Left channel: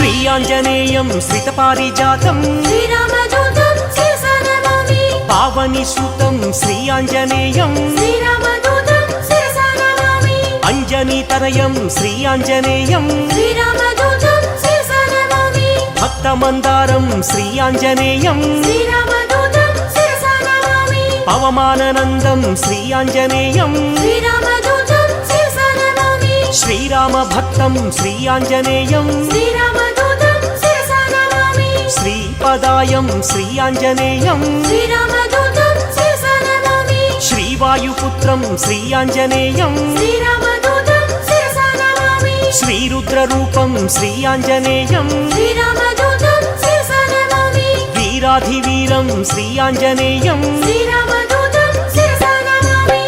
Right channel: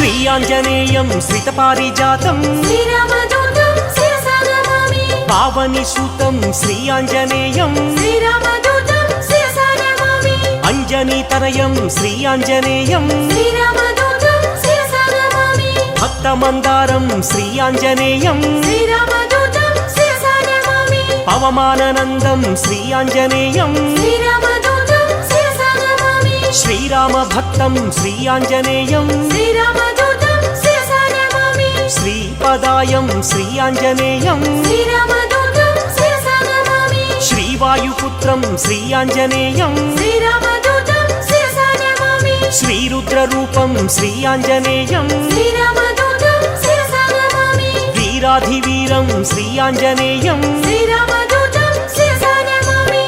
శ్రీ ఆంజనేయం శ్రితపారిజాతం శ్రీరామదూతం శిరసా నమామి పావని సూతం శ్రీ ఆంజనేయం శ్రీరామదూతం శిరసా నమామి అంజనీతనయం శ్రీ ఆంజనేయం శ్రీరామదూతం శిరసా నమామి భక్తమందారం శ్రీ ఆంజనేయం శ్రీరామదూతం శిరసా నమామి పవమాననందం శ్రీ ఆంజనేయం శ్రీరామదూతం శిరసా నమామి శ్రీరామ భక్తం శ్రీ ఆంజనేయం శ్రీరామదూతం శిరసా నమామి శ్రీపదాయం శ్రీ ఆంజనేయం శ్రీరామదూతం శిరసా నమామి శ్రీవాయుపుత్రం శ్రీ ఆంజనేయం శ్రీరామదూతం శిరసా నమామి శ్రీరుద్రరూపం శ్రీ ఆంజనేయం శ్రీరామదూతం శిరసా నమామి వీరాధివీరం శ్రీ ఆంజనేయం శ్రీరామదూతం శిరసా నమామి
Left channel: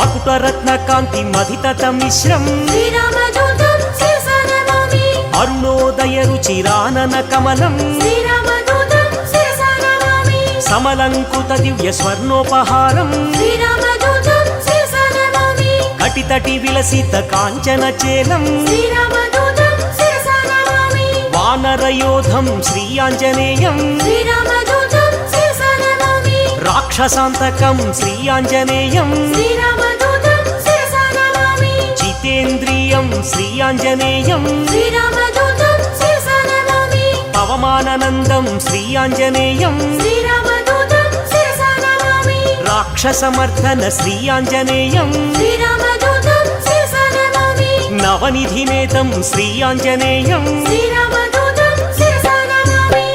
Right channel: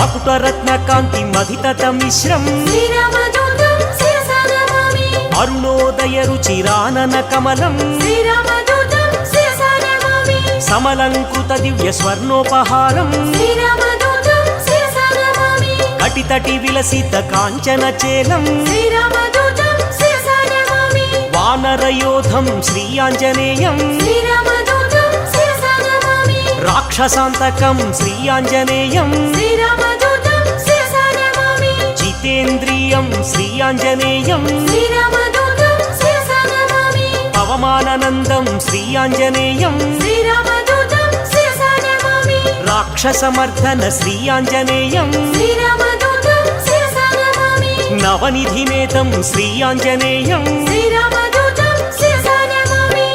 మకుటరత్నకాంతి మధితత మిశ్రం శ్రీరామదూతం శిరసా నమామి అరుణోదయ రుచిరానన కమలం శ్రీరామదూతం శిరసా నమామి సమలంకృత దివ్య స్వర్ణోపహారం శ్రీరామదూతం శిరసా నమామి కటితటి విలసిత కాంచన చేలం శ్రీరామదూతం శిరసా నమామి వానరయోధం శ్రీ ఆంజనేయం శ్రీరామదూతం శిరసా నమామి రాక్షసాంతకం శ్రీ ఆంజనేయం శ్రీరామదూతం శిరసా నమామి జితేంద్రియం శ్రీ ఆంజనేయం శ్రీరామదూతం శిరసా నమామి పవమాననందం శ్రీ ఆంజనేయం శ్రీరామదూతం శిరసా నమామి రాక్షసమర్దన శ్రీ ఆంజనేయం శ్రీరామదూతం శిరసా నమామి నవనిధినేతం శ్రీ ఆంజనేయం శ్రీరామదూతం శిరసా నమామి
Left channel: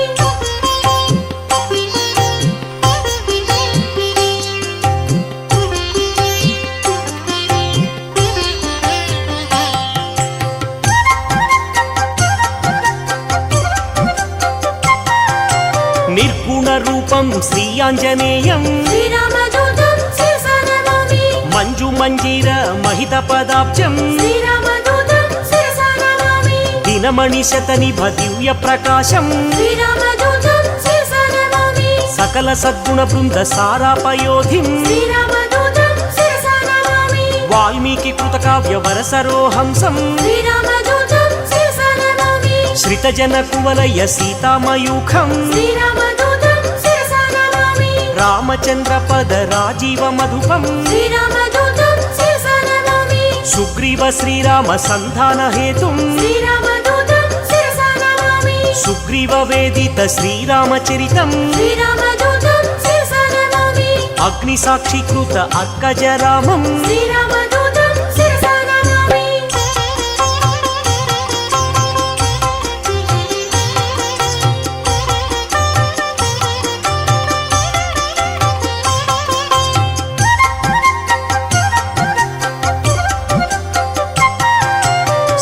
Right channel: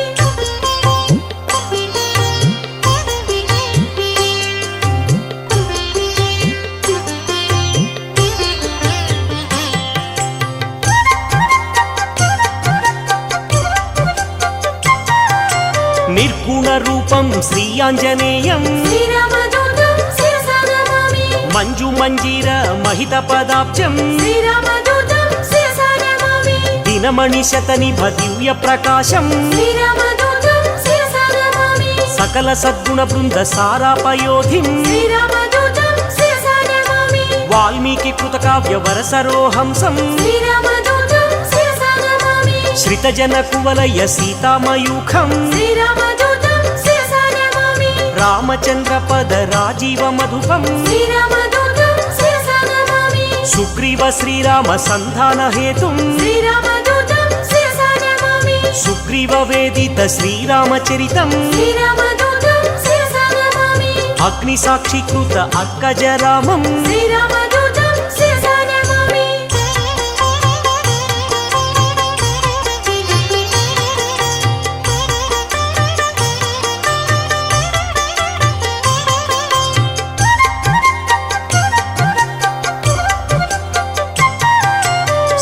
నిర్గుణ రూపం శ్రీ ఆంజనేయం శ్రీరామదూతం శిరసా నమామి మంజు మంజీర మహిత పదాబ్జం శ్రీరామదూతం శిరసా నమామి దినమణి శతనిభ దివ్య ప్రకాశం శ్రీరామదూతం శిరసా నమామి సకల సద్గుణ బృంద సారాపయోధిం శ్రీరామదూతం శిరసా నమామి వాల్మీకి కృతకావ్య వరసరోహంసం శ్రీరామదూతం శిరసా నమామి శ్రితజన కువలయ సీతామయూఖం శ్రీరామదూతం శిరసా నమామి రామచంద్ర పద రాజీవ మధుపం శ్రీరామదూతం శిరసా నమామి సుగ్రీవ శ్రీరామ సంధాన హేతుం శ్రీరామదూతం శిరసా నమామి సుగ్రీవ వేదిత శ్రీరామచరితం శ్రీరామదూతం శిరసా నమామి అగ్ని సాక్షికృత అర్కజరామం శ్రీరామదూతం శిరసా నమామి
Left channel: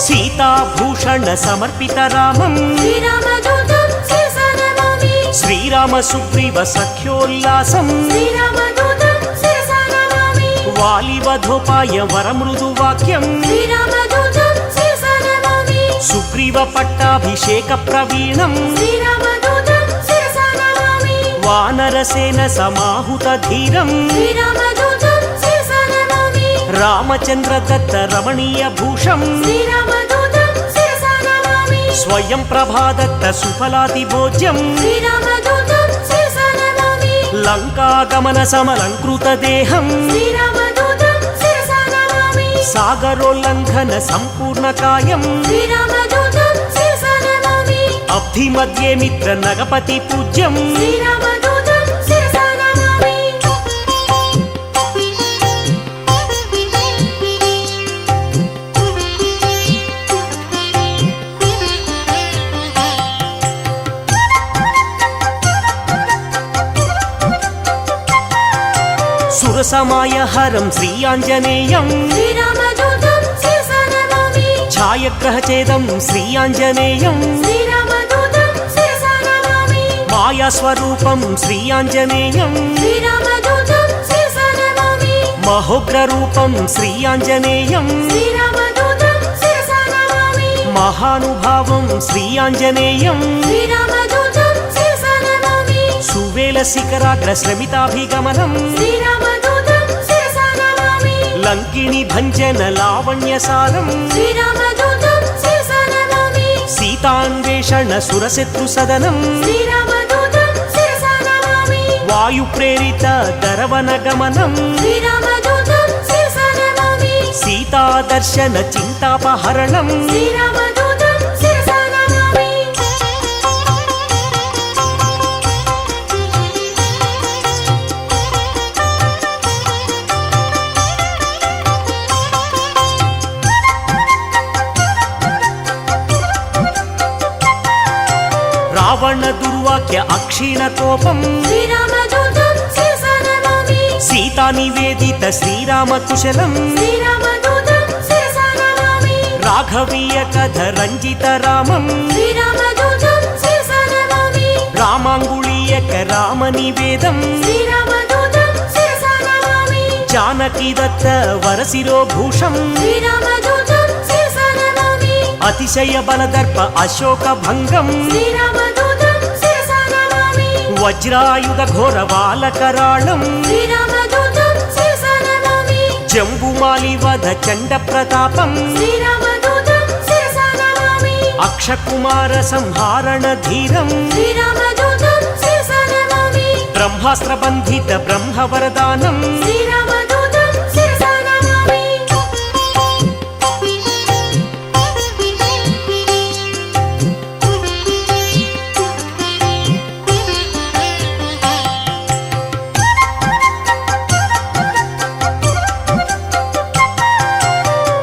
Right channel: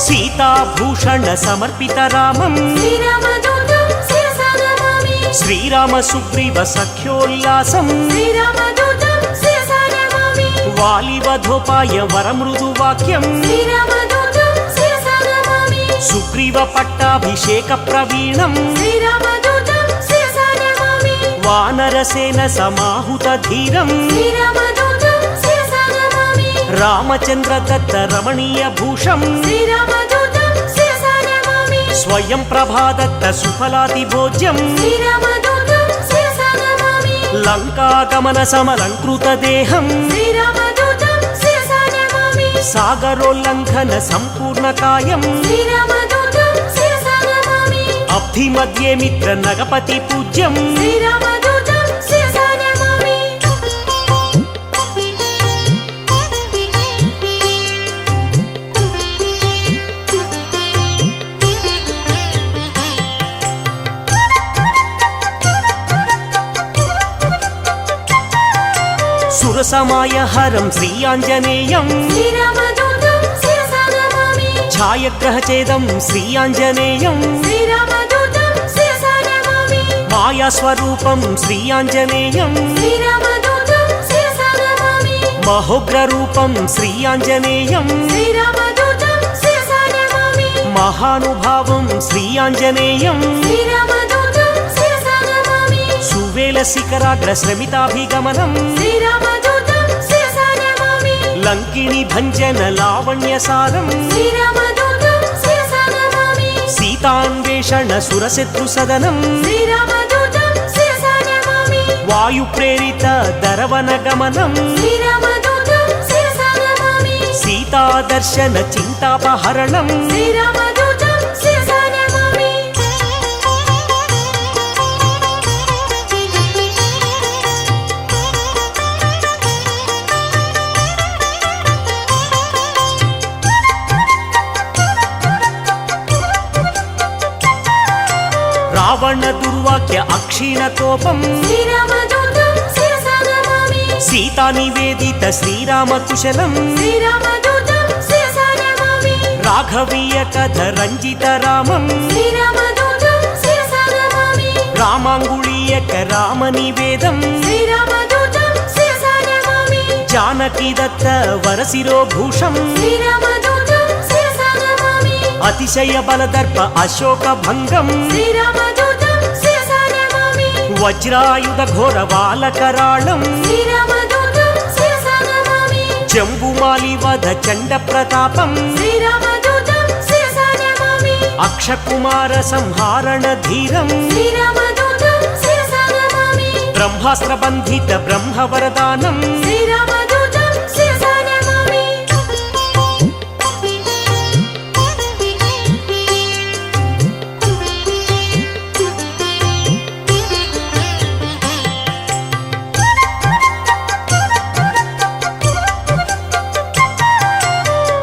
సీతాభూషణ సమర్పిత రామం శ్రీరామదూతం శిరసా నమామి శ్రీరామ సుగ్రీవ సఖ్యోల్లాసం శ్రీరామదూతం శిరసా నమామి వాలివధోపాయ వరమృదు వాక్యం శ్రీరామదూతం శిరసా నమామి సుగ్రీవ పట్టాభిషేక ప్రవీణం శ్రీరామదూతం శిరసా నమామి వానరసేన సమాహుత ధీరం శ్రీరామదూతం శిరసా నమామి రామచంద్ర దత్త రమణీయ భూషం శ్రీరామదూతం శిరసా నమామి స్వయం ప్రభాదత్త సుఫలాతి భోజ్యం శ్రీరామదూతం శిరసా నమామి లంకాగమన సమలంకృత దేహం శ్రీరామదూతం శిరసా నమామి సాగరోల్లంఘన సంపూర్ణ కాయం శ్రీరామదూతం శిరసా నమామి అబ్ధి మధ్యే మిత్ర నగపతి పూజ్యం శ్రీరామదూతం శిరసా నమామి సురసమాయ హరం శ్రీ ఆంజనేయం శ్రీరామదూతం శిరసా నమామి ఛాయగ్రహచేదం శ్రీ ఆంజనేయం శ్రీరామదూతం శిరసా నమామి మాయాస్వరూపం శ్రీ ఆంజనేయం శ్రీరామదూతం శిరసా నమామి మహోగ్రరూపం శ్రీ ఆంజనేయం శ్రీరామదూతం శిరసా నమామి మహానుభావం శ్రీ ఆంజనేయం శ్రీరామదూతం శిరసా నమామి సువేల శిఖరాగ్ర శ్రమితాభిగమనం శ్రీరామదూతం శిరసా నమామి లంకిణి భంజన లావణ్యసారం శ్రీరామదూతం శిరసా నమామి సీతాన్వేషణ సురశత్రు సదనం శ్రీరామదూతం శిరసా నమామి వాయు ప్రేరిత దరవన గమనం శ్రీరామదూతం శిరసా నమామి సీతాదర్శన చింతాపహరణం శ్రీరామదూతం శిరసా నమామి రావణ దుర్వాక్య అక్షీణ కోపం శ్రీరామదూతం శిరసా నమామి సీతా నివేదిత శ్రీరామ కుశలం శ్రీరామదూతం శిరసా నమామి రాఘవీయ కథ రంజిత రామం శ్రీరామదూతం శిరసా నమామి రామాంగుళీయక రామ నివేదం శ్రీరామదూతం శిరసా నమామి జానకి దత్త వరశిరోభూషం శ్రీరామదూతం శిరసా నమామి అతిశయ బలదర్ప అశోక భంగం శ్రీరామదూతం శిరసా నమామి వజ్రాయుధ ఘోర బాలకరాళం శ్రీరామదూతం శిరసా నమామి జంబుమాలి వధ చండ ప్రతాపం శ్రీరామదూతం శిరసా నమామి అక్షకుమార సంహారణ ధీరం శ్రీరామదూతం శిరసా నమామి బ్రహ్మాస్త్ర బంధిత బ్రహ్మవరదానం శ్రీరామదూతం శిరసా నమామి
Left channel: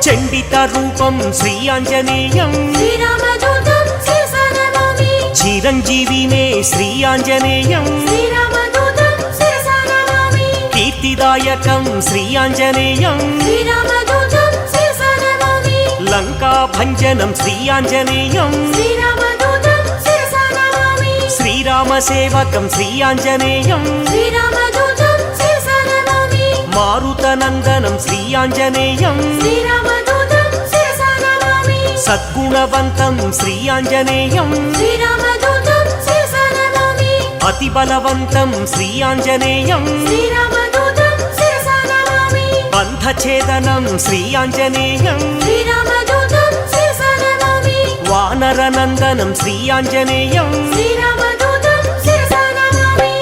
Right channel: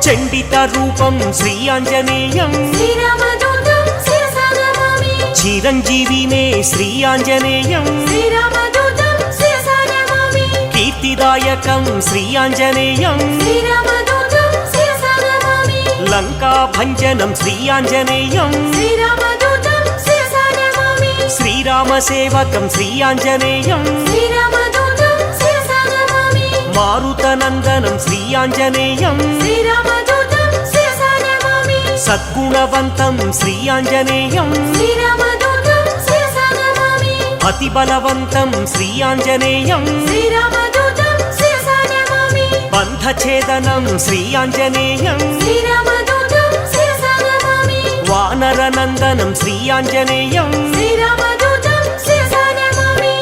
చండిత రూపం శ్రీ ఆంజనేయం శ్రీరామదూతం శిరసా నమామి చిరంజీవినే శ్రీ ఆంజనేయం శ్రీరామదూతం శిరసా నమామి కీర్తిదాయకం శ్రీ ఆంజనేయం శ్రీరామదూతం శిరసా నమామి లంకా భంజనం శ్రీ ఆంజనేయం శ్రీరామదూతం శిరసా నమామి శ్రీరామ సేవకం శ్రీ ఆంజనేయం శ్రీరామదూతం శిరసా నమామి మారుతనందనం శ్రీ ఆంజనేయం శ్రీరామదూతం శిరసా నమామి సద్గుణవంతం శ్రీ ఆంజనేయం శ్రీరామదూతం శిరసా నమామి అతి బలవంతం శ్రీ ఆంజనేయం శ్రీరామదూతం శిరసా నమామి బంధఛేదనం శ్రీ ఆంజనేయం శ్రీరామదూతం శిరసా నమామి వానరనందనం శ్రీ ఆంజనేయం శ్రీరామదూతం శిరసా నమామి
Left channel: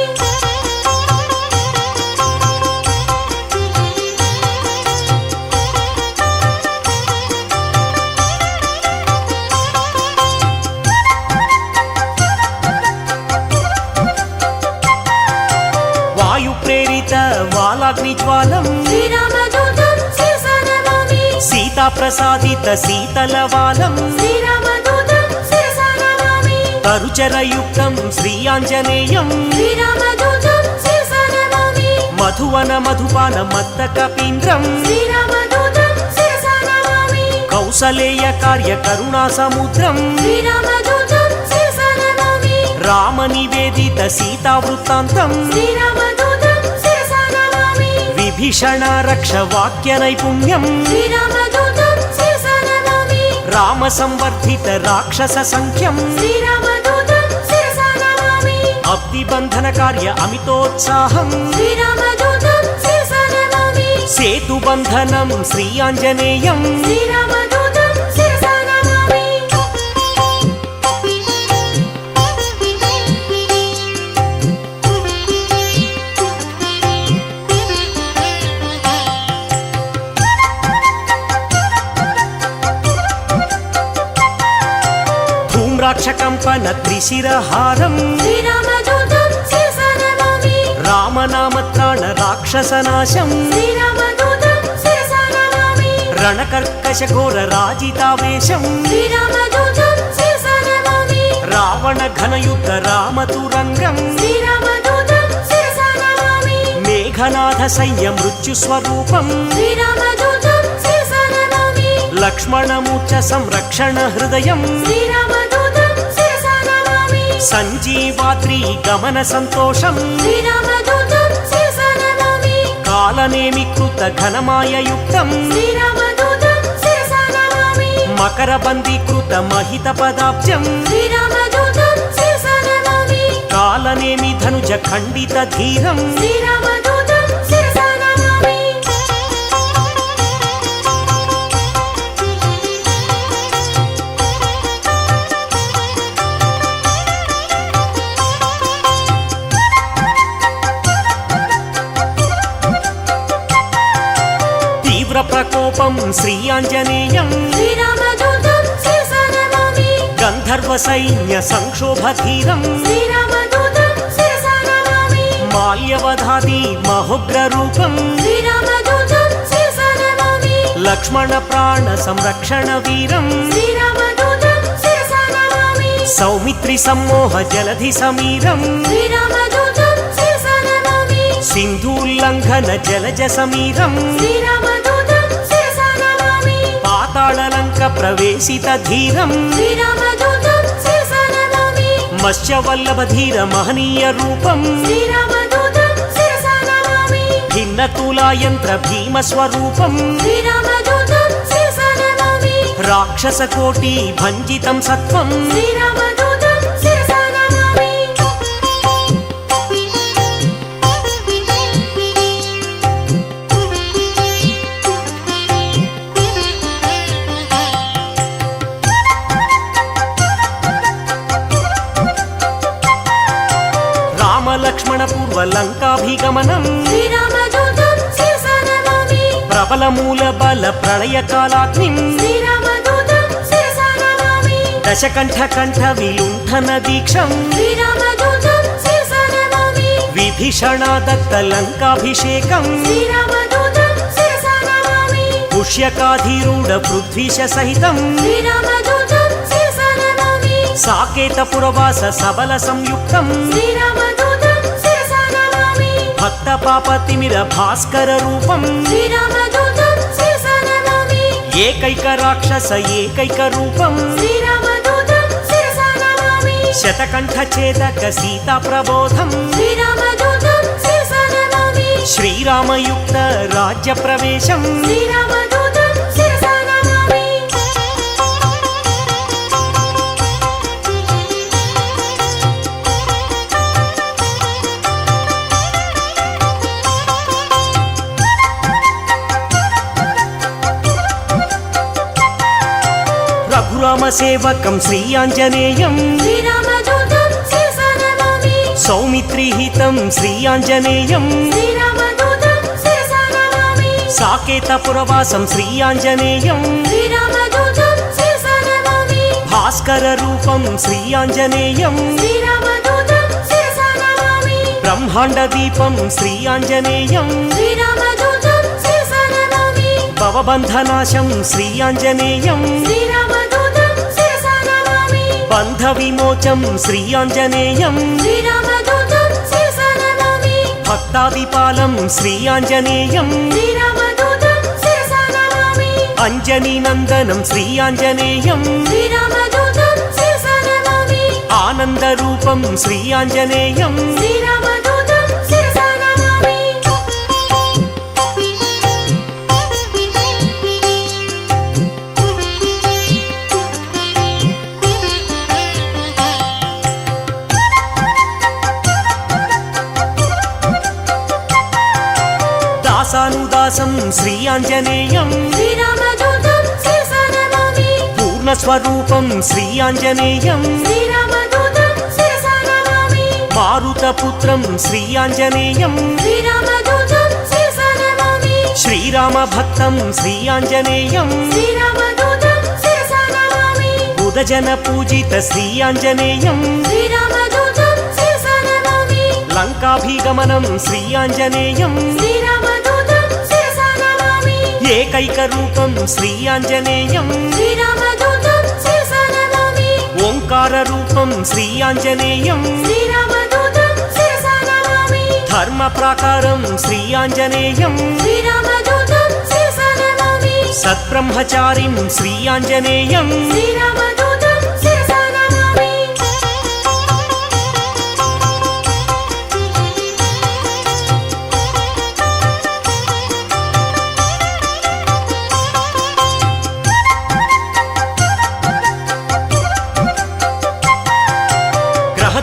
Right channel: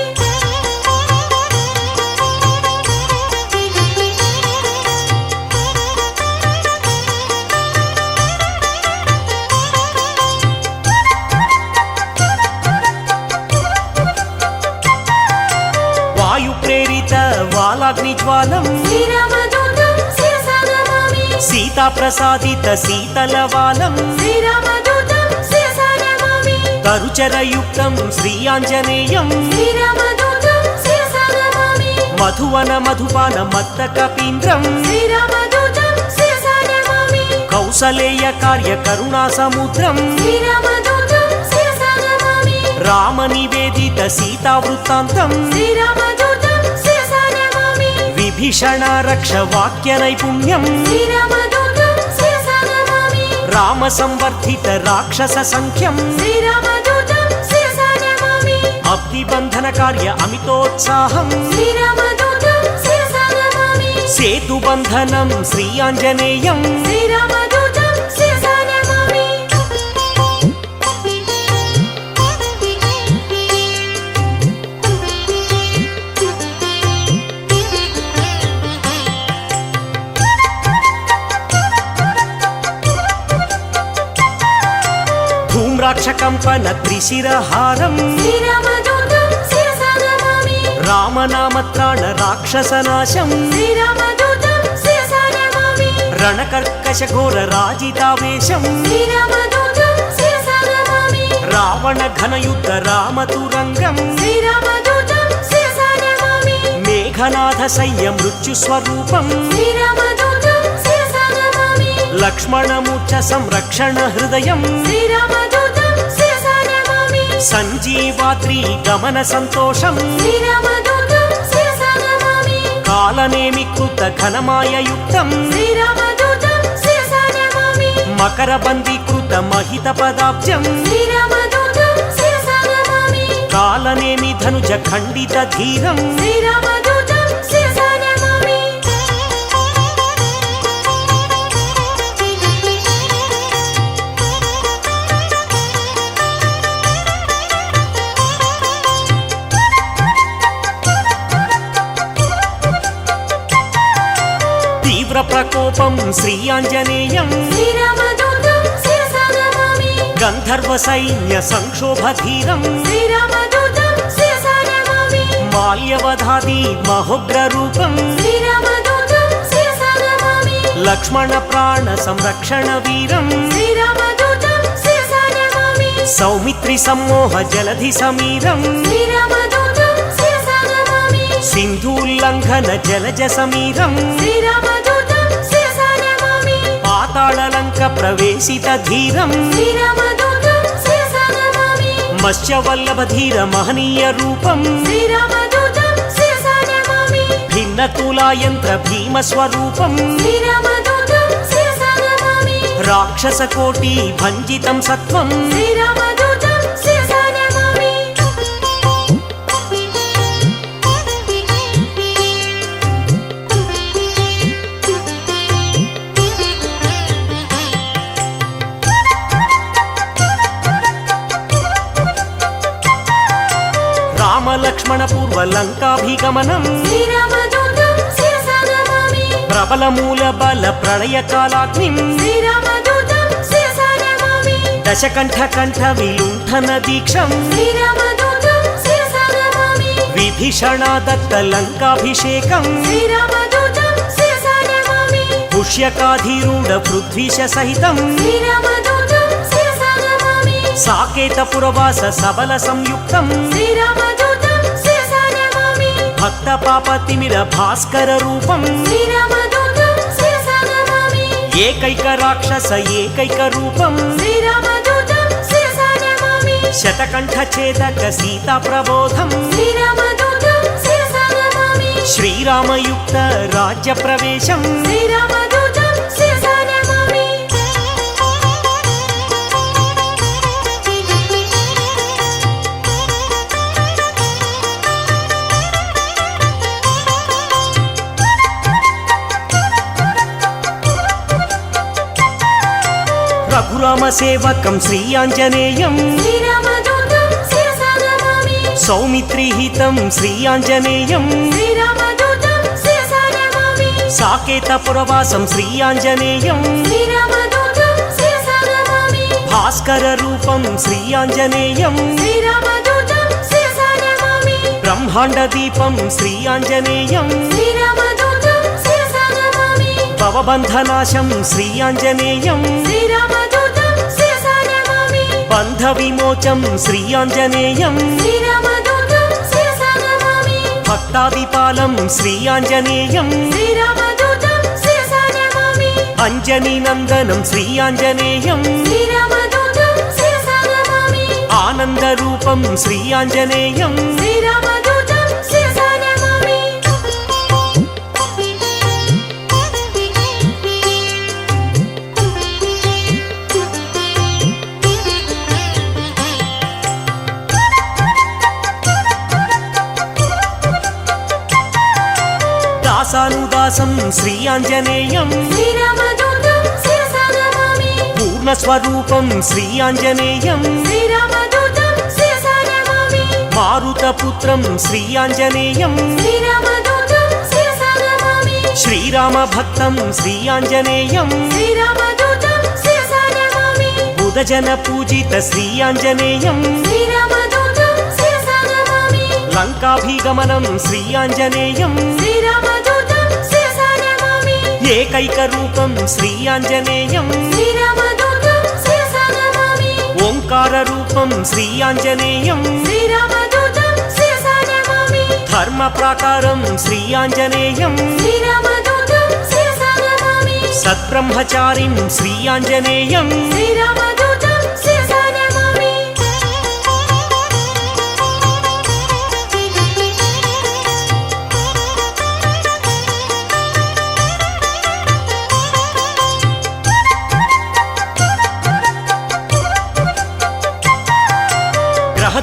వాయు ప్రేరిత వాలాగ్ని జ్వాలం శ్రీరామదూతం శిరసా నమామి సీతా ప్రసాదిత శీతలవాలం శ్రీరామదూతం శిరసా నమామి తరుచరయుక్తం శ్రీ ఆంజనేయం శ్రీరామదూతం శిరసా నమామి మధువన మధుపాన మత్త కపీంద్రం శ్రీరామదూతం శిరసా నమామి కౌసలేయ కార్య కరుణా సముద్రం శ్రీరామదూతం శిరసా నమామి రామ నివేదిత సీతా వృత్తాంతం శ్రీరామదూతం శిరసా నమామి విభీషణ రక్ష వాక్య నైపుణ్యం శ్రీరామదూతం శిరసా నమామి రామ సంవర్ధిత రాక్షస సంఖ్యం శ్రీరామదూతం శిరసా నమామి అబ్ది బంధన కార్య అమితోత్సాహం శ్రీరామదూతం శిరసా నమామి సేతు బంధనం శ్రీ ఆంజనేయం శ్రీరామదూతం శిరసా నమామి ధూమ్రాక్షకంపన త్రిశిరహారం శ్రీరామదూతం శిరసా నమామి రామనామత్రాణ రాక్షసనాశం శ్రీరామదూతం శిరసా నమామి రణకర్కశ ఘోర రాజితావేశం శ్రీరామదూతం శిరసా నమామి రావణ ఘనయుద్ధ రామతురంగం శ్రీరామదూతం శిరసా నమామి మేఘనాథ సయ్య మృత్యు స్వరూపం శ్రీరామదూతం శిరసా నమామి లక్ష్మణమూర్ఛ సంరక్షణ హృదయం శ్రీరామదూతం శిరసా నమామి సంజీవాద్రి గమన సంతోషం శ్రీరామదూతం శిరసా నమామి కాలనేమి కృత ఘనమాయయుక్తం శ్రీరామదూతం శిరసా నమామి మకరబందీకృత మహిత పదాబ్జం శ్రీరామదూతం శిరసా నమామి కాలనేమి ధనుజ ఖండిత ధీరం శ్రీరామదూతం శిరసా నమామి తీవ్ర ప్రకోపం శ్రీ ఆంజనేయం శ్రీరామదూతం శిరసా నమామి గంధర్వ సైన్య సంక్షోభ ధీరం శ్రీరామదూతం శిరసా నమామి మాల్యవధాది మహోగ్ర రూపం శ్రీరామదూతం శిరసా నమామి లక్ష్మణ ప్రాణ సంరక్షణ వీరం శ్రీరామదూతం శిరసా నమామి సౌమిత్రి సమ్మోహ జలధి సమీరం శ్రీరామదూతం శిరసా నమామి సింధూల్లంఘన జలజ సమీరం శ్రీరామదూతం శిరసా నమామి పాతాళలంక ప్రవేశిత ధీరం శ్రీరామదూతం శిరసా నమామి మత్స్యవల్లభ ధీర మహనీయ రూపం శ్రీరామదూతం శిరసా నమామి భిన్న తులాయంత్ర భీమ స్వరూపం శ్రీరామదూతం శిరసా నమామి రాక్షస కోటి భంజితం సత్వం శ్రీరామదూతం శిరసా నమామి రామలక్ష్మణ పూర్వ లంకాభిగమనం శ్రీరామదూతం శిరసా నమామి ప్రబల మూల బల ప్రళయ కాలాగ్నిం శ్రీరామదూతం శిరసా నమామి దశకంఠ కంఠ విలుంఠన దీక్షం శ్రీరామదూతం శిరసా నమామి విభీషణ దత్త లంకాభిషేకం శ్రీరామదూతం శిరసా నమామి పుష్యకాధీరూఢ పృథ్వీశ సహితం శ్రీరామదూతం శిరసా నమామి సాకేత పురవాస సబల సంయుక్తం శ్రీరామదూతం శిరసా నమామి భక్త పాపతిమిర భాస్కర రూపం శ్రీరామదూతం శిరసా నమామి ఏకైక రాక్షస ఏకైక రూపం శ్రీరామదూతం శిరసా నమామి శతకంఠ ఛేదక సీతా ప్రబోధం శ్రీరామదూతం శిరసా నమామి శ్రీరామయుక్త రాజ్య ప్రవేశం శ్రీరామదూతం శిరసా నమామి రఘురామ సేవకం శ్రీ ఆంజనేయం శ్రీరామదూతం శిరసా నమామి సౌమిత్రిహితం శ్రీ ఆంజనేయం శ్రీరామదూతం శిరసా నమామి సాకేత పురవాసం శ్రీ ఆంజనేయం శ్రీరామదూతం శిరసా నమామి భాస్కర రూపం శ్రీ ఆంజనేయం శ్రీరామదూతం శిరసా నమామి బ్రహ్మాండ దీపం శ్రీ ఆంజనేయం శ్రీరామదూతం శిరసా నమామి భవబంధనాశం శ్రీ ఆంజనేయం శ్రీరామదూతం శిరసా నమామి బంధ విమోచం శ్రీ ఆంజనేయం శ్రీరామదూతం శిరసా నమామి భక్తాదిపాలం శ్రీ ఆంజనేయం శ్రీరామదూతం శిరసా నమామి అంజనీ నందనం శ్రీ ఆంజనేయం శ్రీరామదూతం శిరసా నమామి ఆనంద రూపం శ్రీ ఆంజనేయం శ్రీరామదూతం శిరసా నమామి దాసానుదాసం శ్రీ ఆంజనేయం శ్రీరామదూతం శిరసా నమామి పూర్ణస్వరూపం శ్రీ ఆంజనేయం శ్రీరామదూతం శిరసా నమామి మారుతపుత్రం శ్రీ ఆంజనేయం శ్రీరామదూతం శిరసా నమామి శ్రీరామ భక్తం శ్రీ ఆంజనేయం శ్రీరామదూతం శిరసా నమామి బుధజన పూజిత శ్రీ ఆంజనేయం శ్రీరామదూతం శిరసా నమామి లంకాభిగమనం శ్రీ ఆంజనేయం శ్రీరామదూతం శిరసా నమామి ఏకైక రూపం శ్రీ ఆంజనేయం శ్రీరామదూతం శిరసా నమామి ఓంకార రూపం శ్రీ ఆంజనేయం శ్రీరామదూతం శిరసా నమామి ధర్మ ప్రాకారం శ్రీ ఆంజనేయం శ్రీరామదూతం శిరసా నమామి సద్బ్రహ్మచారిం శ్రీ ఆంజనేయం శ్రీరామదూతం శిరసా నమామి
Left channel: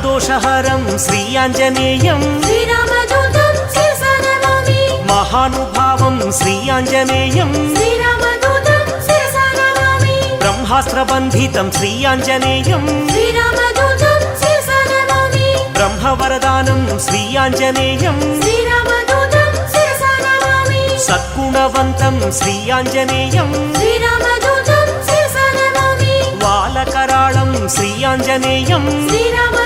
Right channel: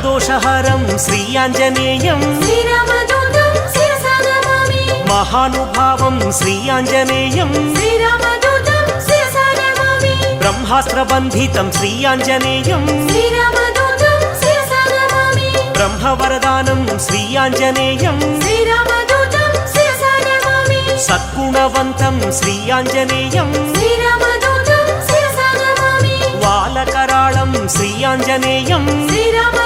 నరదోషహరం శ్రీ ఆంజనేయం శ్రీరామదూతం శిరసా నమామి మహానుభావం శ్రీ ఆంజనేయం శ్రీరామదూతం శిరసా నమామి బ్రహ్మాస్త్రబంధితం శ్రీ ఆంజనేయం శ్రీరామదూతం శిరసా నమామి బ్రహ్మవరదానం శ్రీ ఆంజనేయం శ్రీరామదూతం శిరసా నమామి సద్గుణవంతం శ్రీ ఆంజనేయం శ్రీరామదూతం శిరసా నమామి వాలకరాళం శ్రీ ఆంజనేయం శ్రీరామదూతం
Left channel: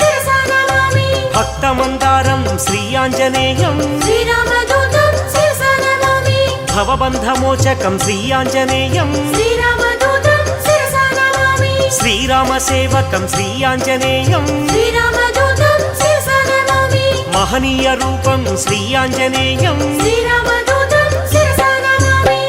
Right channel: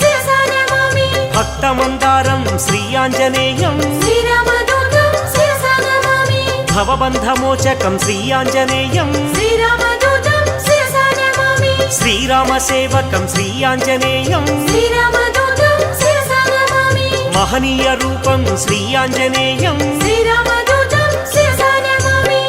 శిరసా నమామి భక్తమందారం శ్రీ ఆంజనేయం శ్రీరామదూతం శిరసా నమామి భవబంధమోచకం శ్రీ ఆంజనేయం శ్రీరామదూతం శిరసా నమామి శ్రీరామసేవకం శ్రీ ఆంజనేయం శ్రీరామదూతం శిరసా నమామి మహనీయ రూపం శ్రీ ఆంజనేయం శ్రీరామదూతం శిరసా నమామి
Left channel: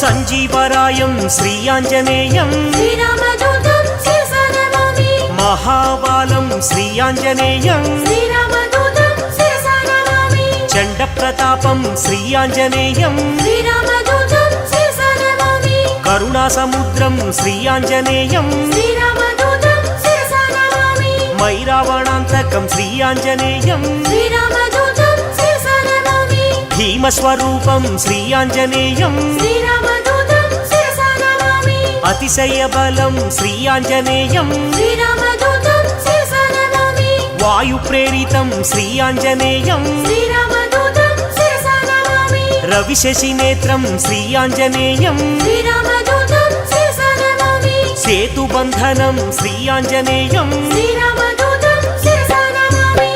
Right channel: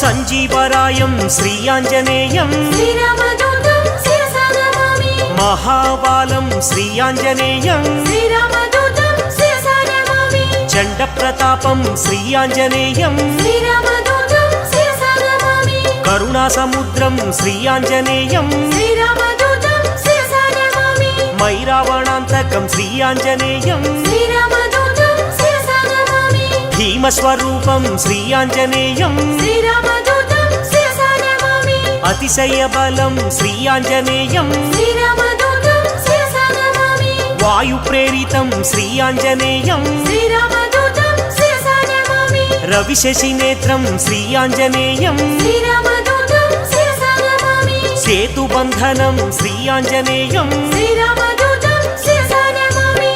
సంజీవరాయం శ్రీ ఆంజనేయం శ్రీరామదూతం శిరసా నమామి మహాబాలం శ్రీ ఆంజనేయం శ్రీరామదూతం శిరసా నమామి చండ ప్రతాపం శ్రీ ఆంజనేయం శ్రీరామదూతం శిరసా నమామి కరుణా సముద్రం శ్రీ ఆంజనేయం శ్రీరామదూతం శిరసా నమామి మైరావణాంతకం శ్రీ ఆంజనేయం శ్రీరామదూతం శిరసా నమామి భీమస్వరూపం శ్రీ ఆంజనేయం శ్రీరామదూతం శిరసా నమామి అతిశయ బలం శ్రీ ఆంజనేయం శ్రీరామదూతం శిరసా నమామి వాయు ప్రేరితం శ్రీ ఆంజనేయం శ్రీరామదూతం శిరసా నమామి రవిశశి నేత్రం శ్రీ ఆంజనేయం శ్రీరామదూతం శిరసా నమామి సేతుబంధనం శ్రీ ఆంజనేయం శ్రీరామదూతం శిరసా నమామి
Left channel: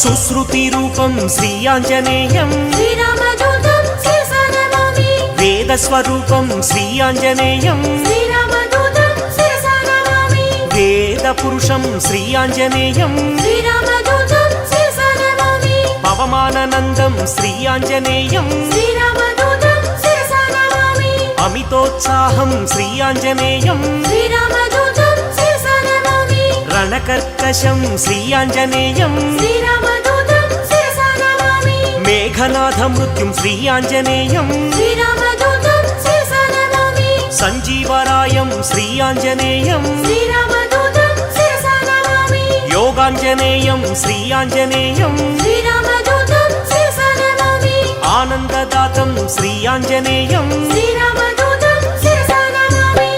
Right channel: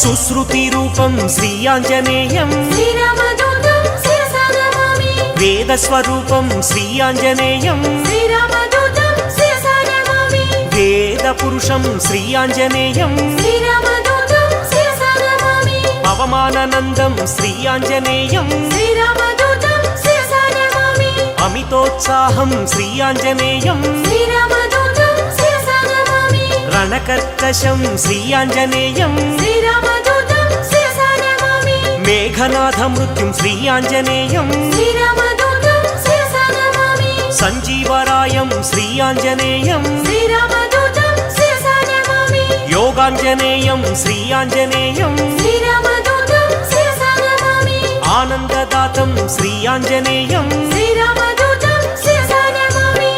సుశ్రుతి రూపం శ్రీ ఆంజనేయం శ్రీరామదూతం శిరసా నమామి వేదస్వరూపం శ్రీ ఆంజనేయం శ్రీరామదూతం శిరసా నమామి వేద పురుషం శ్రీ ఆంజనేయం శ్రీరామదూతం శిరసా నమామి పవమానందం శ్రీ ఆంజనేయం శ్రీరామదూతం శిరసా నమామి అమితోత్సాహం శ్రీ ఆంజనేయం శ్రీరామదూతం శిరసా నమామి రణకర్కశం శ్రీ ఆంజనేయం శ్రీరామదూతం శిరసా నమామి మేఘనాథ మృత్యుం శ్రీ ఆంజనేయం శ్రీరామదూతం శిరసా నమామి సంజీవరాయం శ్రీ ఆంజనేయం శ్రీరామదూతం శిరసా నమామి యోగాంజనేయం శ్రీ ఆంజనేయం శ్రీరామదూతం శిరసా నమామి ఆనందదాతం శ్రీ ఆంజనేయం శ్రీరామదూతం శిరసా నమామి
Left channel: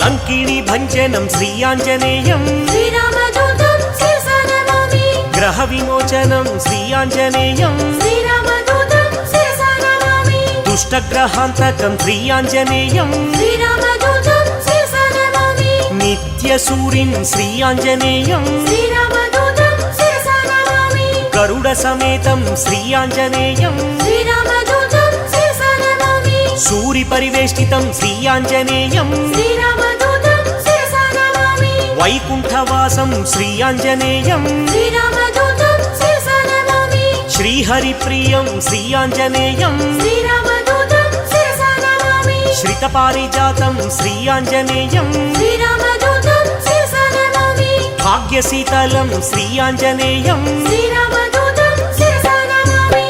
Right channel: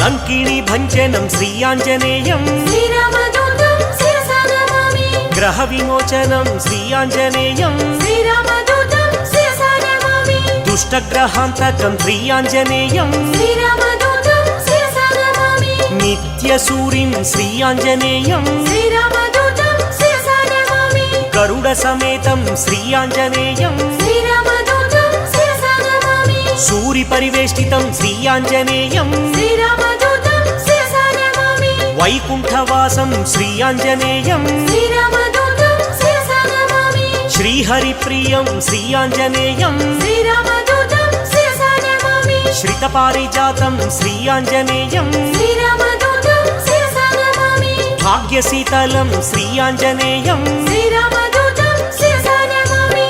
లంకిణి భంజనం శ్రీ ఆంజనేయం శ్రీరామదూతం శిరసా నమామి గ్రహ విమోచనం శ్రీ ఆంజనేయం శ్రీరామదూతం శిరసా నమామి దుష్టగ్రహాంతకం శ్రీ ఆంజనేయం శ్రీరామదూతం శిరసా నమామి నిత్యసూరిం శ్రీ ఆంజనేయం శ్రీరామదూతం శిరసా నమామి గరుడ సమేతం శ్రీ ఆంజనేయం శ్రీరామదూతం శిరసా నమామి సూరి పరివేష్టితం శ్రీ ఆంజనేయం శ్రీరామదూతం శిరసా నమామి వైకుంఠవాసం శ్రీ ఆంజనేయం శ్రీరామదూతం శిరసా నమామి శ్రీహరిప్రియం శ్రీ ఆంజనేయం శ్రీరామదూతం శిరసా నమామి శ్రితపారిజాతం శ్రీ ఆంజనేయం శ్రీరామదూతం శిరసా నమామి భాగ్యశీతలం శ్రీ ఆంజనేయం శ్రీరామదూతం శిరసా నమామి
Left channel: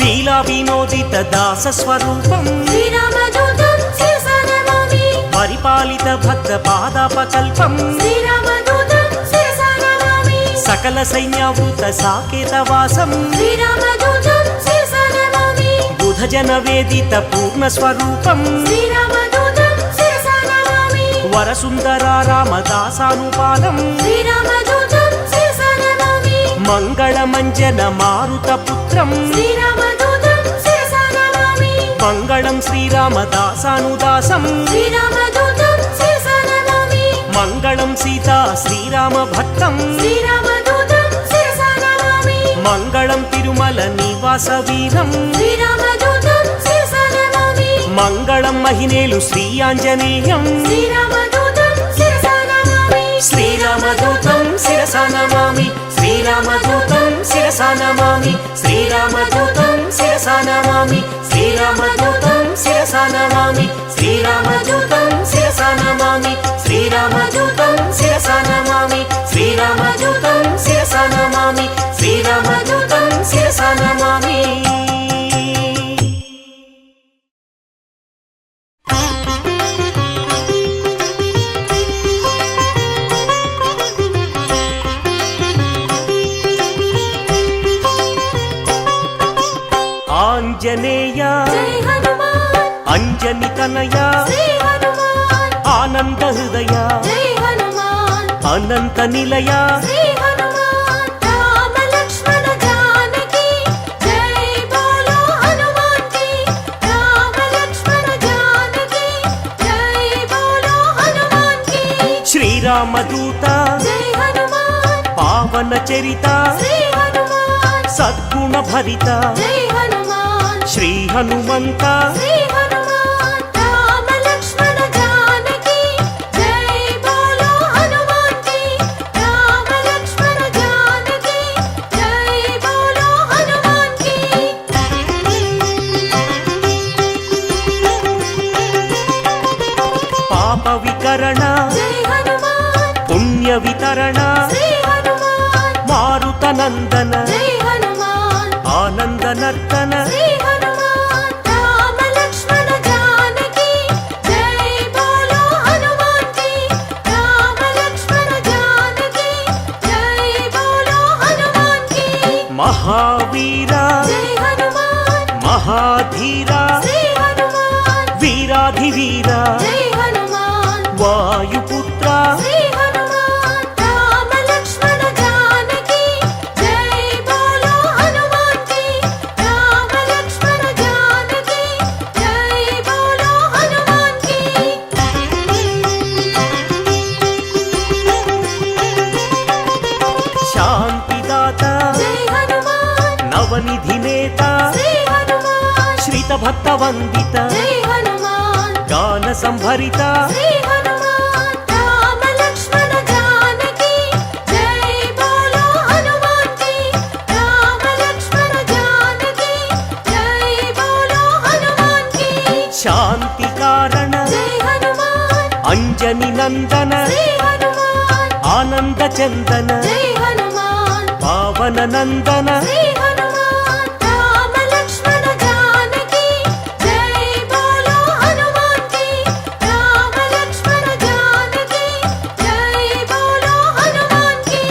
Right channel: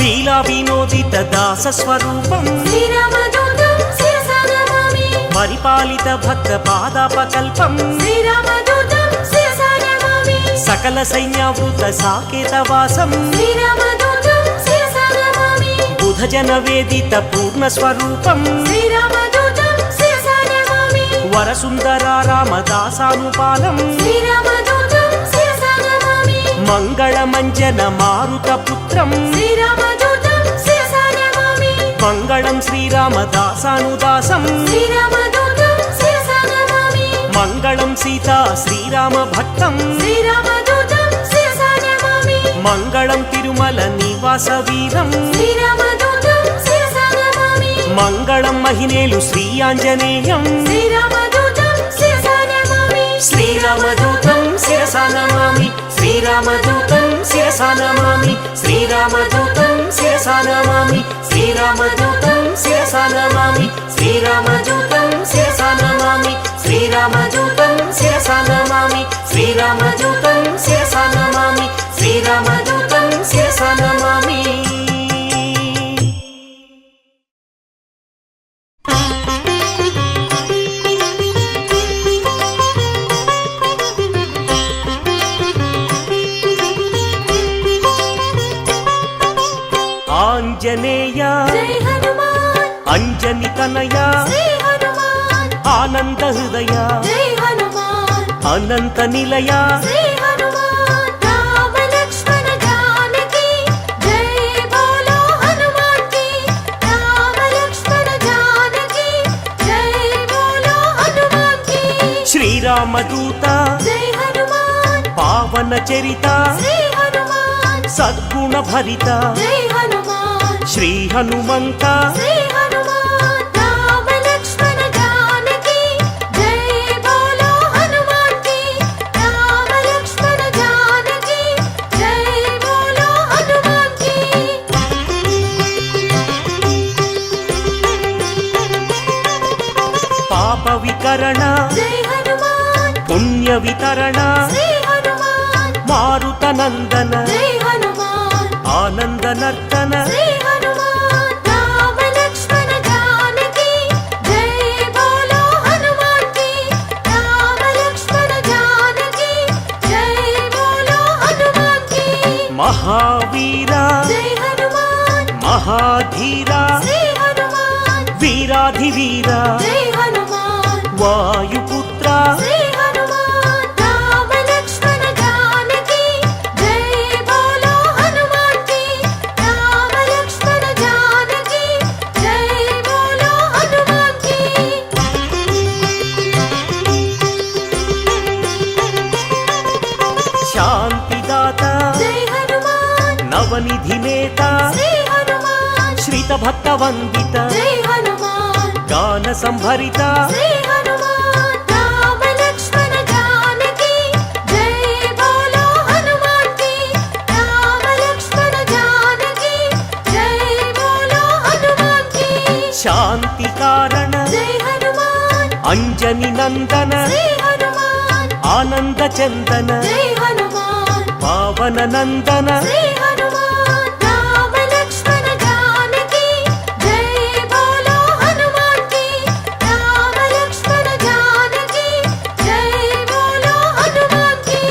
లీలా వినోదిత దాస స్వరూపం శ్రీరామదూతం శిరసా నమామి పరిపాలిత భక్త పాదాపకల్పం శ్రీరామదూతం శిరసా నమామి సకల సైన్యావృత సాకేతవాసం శ్రీరామదూతం శిరసా నమామి బుధజన వేదిత పూర్ణ స్వరూపం శ్రీరామదూతం శిరసా నమామి వరసుందర రామదాసానుపాలం శ్రీరామదూతం శిరసా నమామి మంగళమంజన మారుతపుత్రం శ్రీరామదూతం శిరసా నమామి మంగళం శ్రీరామదాసానుదాసం శ్రీరామదూతం శిరసా నమామి మంగళం సీతా శ్రీరామ భక్తం శ్రీరామదూతం శిరసా నమామి మంగళం తిరుమల నివాస వీరం శ్రీరామదూతం శిరసా నమామి మంగళం మహినేలు శ్రీ ఆంజనేయం శ్రీరామదూతం శిరసా నమామి శ్రీరామదూతం శిరసా నమామి శ్రీరామదూతం శిరసా నమామి శ్రీరామదూతం శిరసా నమామి శ్రీరామదూతం శిరసా నమామి శ్రీరామదూతం శిరసా నమామి శ్రీరామదూతం శిరసా నమామి శ్రీరామదూతం శిరసా నమామి శ్రీరామదూతం శిరసా నమామి. ఆంజనేయ జై హనుమాన్ అంజని తనయ శ్రీ హనుమాన్ ఆనంద హృదయ జై హనుమాన్ అనంత నిలయ శ్రీ హనుమాన్ రామ లక్ష్మణ జానకి జై బోలో హనుమాన్ కి రామ లక్ష్మణ జానకి జై బోలో హనుమాన్ కి శ్రీరామదూత జై హనుమాన్ పావన చరిత శ్రీ హనుమాన్ సద్గుణ భరిత జై హనుమాన్ శ్రీ హనుమంత శ్రీ హనుమాన్ రామ లక్ష్మణ జానకి జై బోలో హనుమాన్ కి రామ లక్ష్మణ జానకి జై బోలో హనుమాన్ కి పాప వికరణ జై హనుమాన్ పుణ్య వితరణ శ్రీ హనుమాన్ మారుత నందన జై హనుమాన్ ఆనంద నర్తన శ్రీ హనుమాన్ రామ లక్ష్మణ జానకి జై బోలో హనుమాన్ కి రామ లక్ష్మణ జానకి జై బోలో హనుమాన్ కి మహావీర జై హనుమాన్ మహాధీర శ్రీ హనుమాన్ వీరాధివీర జై హనుమాన్ వాయుపుత్ర శ్రీ హనుమాన్ రామ లక్ష్మణ జానకి జై బోలో హనుమాన్ కి రామ లక్ష్మణ జానకి జై బోలో హనుమాన్ కి శాంతిదాత జై హనుమాన్ నవనిధి నేత శ్రీ హనుమాన్ శ్రిత భక్త వందిత జై హనుమాన్ గాన సంభరిత శ్రీ హనుమాన్ రామ లక్ష్మణ జానకి జై బోలో హనుమాన్ కి రామ లక్ష్మణ జానకి జై బోలో హనుమాన్ కి శాంతి కారణ జై హనుమాన్ అంజని నందన శ్రీ హనుమాన్ ఆనంద చందన జై హనుమాన్ పావన నందన శ్రీ హనుమాన్ రామ లక్ష్మణ జానకి జై బోలో హనుమాన్ కి రామ లక్ష్మణ జానకి జై బోలో హనుమాన్ కి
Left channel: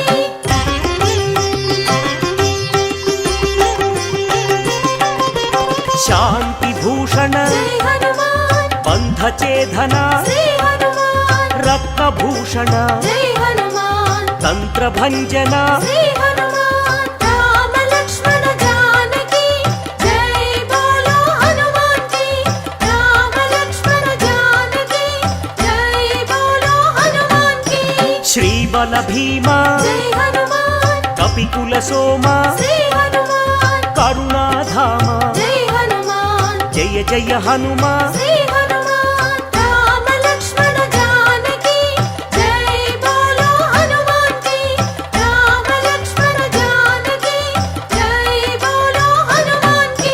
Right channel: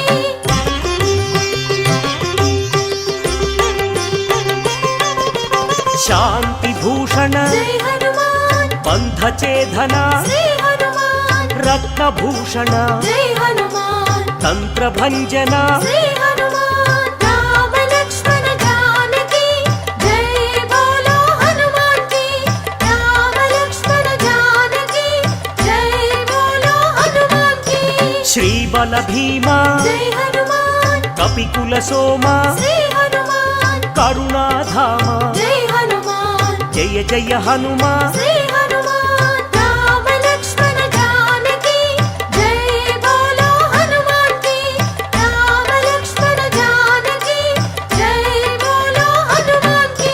శాంతి భూషణ జై హనుమాన్ బంధ చేధన శ్రీ హనుమాన్ రత్నభూషణ జై హనుమాన్ తంత్ర భంజన శ్రీ హనుమాన్ రామ లక్ష్మణ జానకి జై బోలో హనుమాన్ కి రామ లక్ష్మణ జానకి జై బోలో హనుమాన్ కి శ్రీబల భీమ జై హనుమాన్ కపికుల సోమ శ్రీ హనుమాన్ కరుణాధామ జై హనుమాన్ జయ జయ హనుమ శ్రీ హనుమాన్ రామ లక్ష్మణ జానకి జై బోలో హనుమాన్ కి రామ లక్ష్మణ జానకి జై బోలో హనుమాన్ కి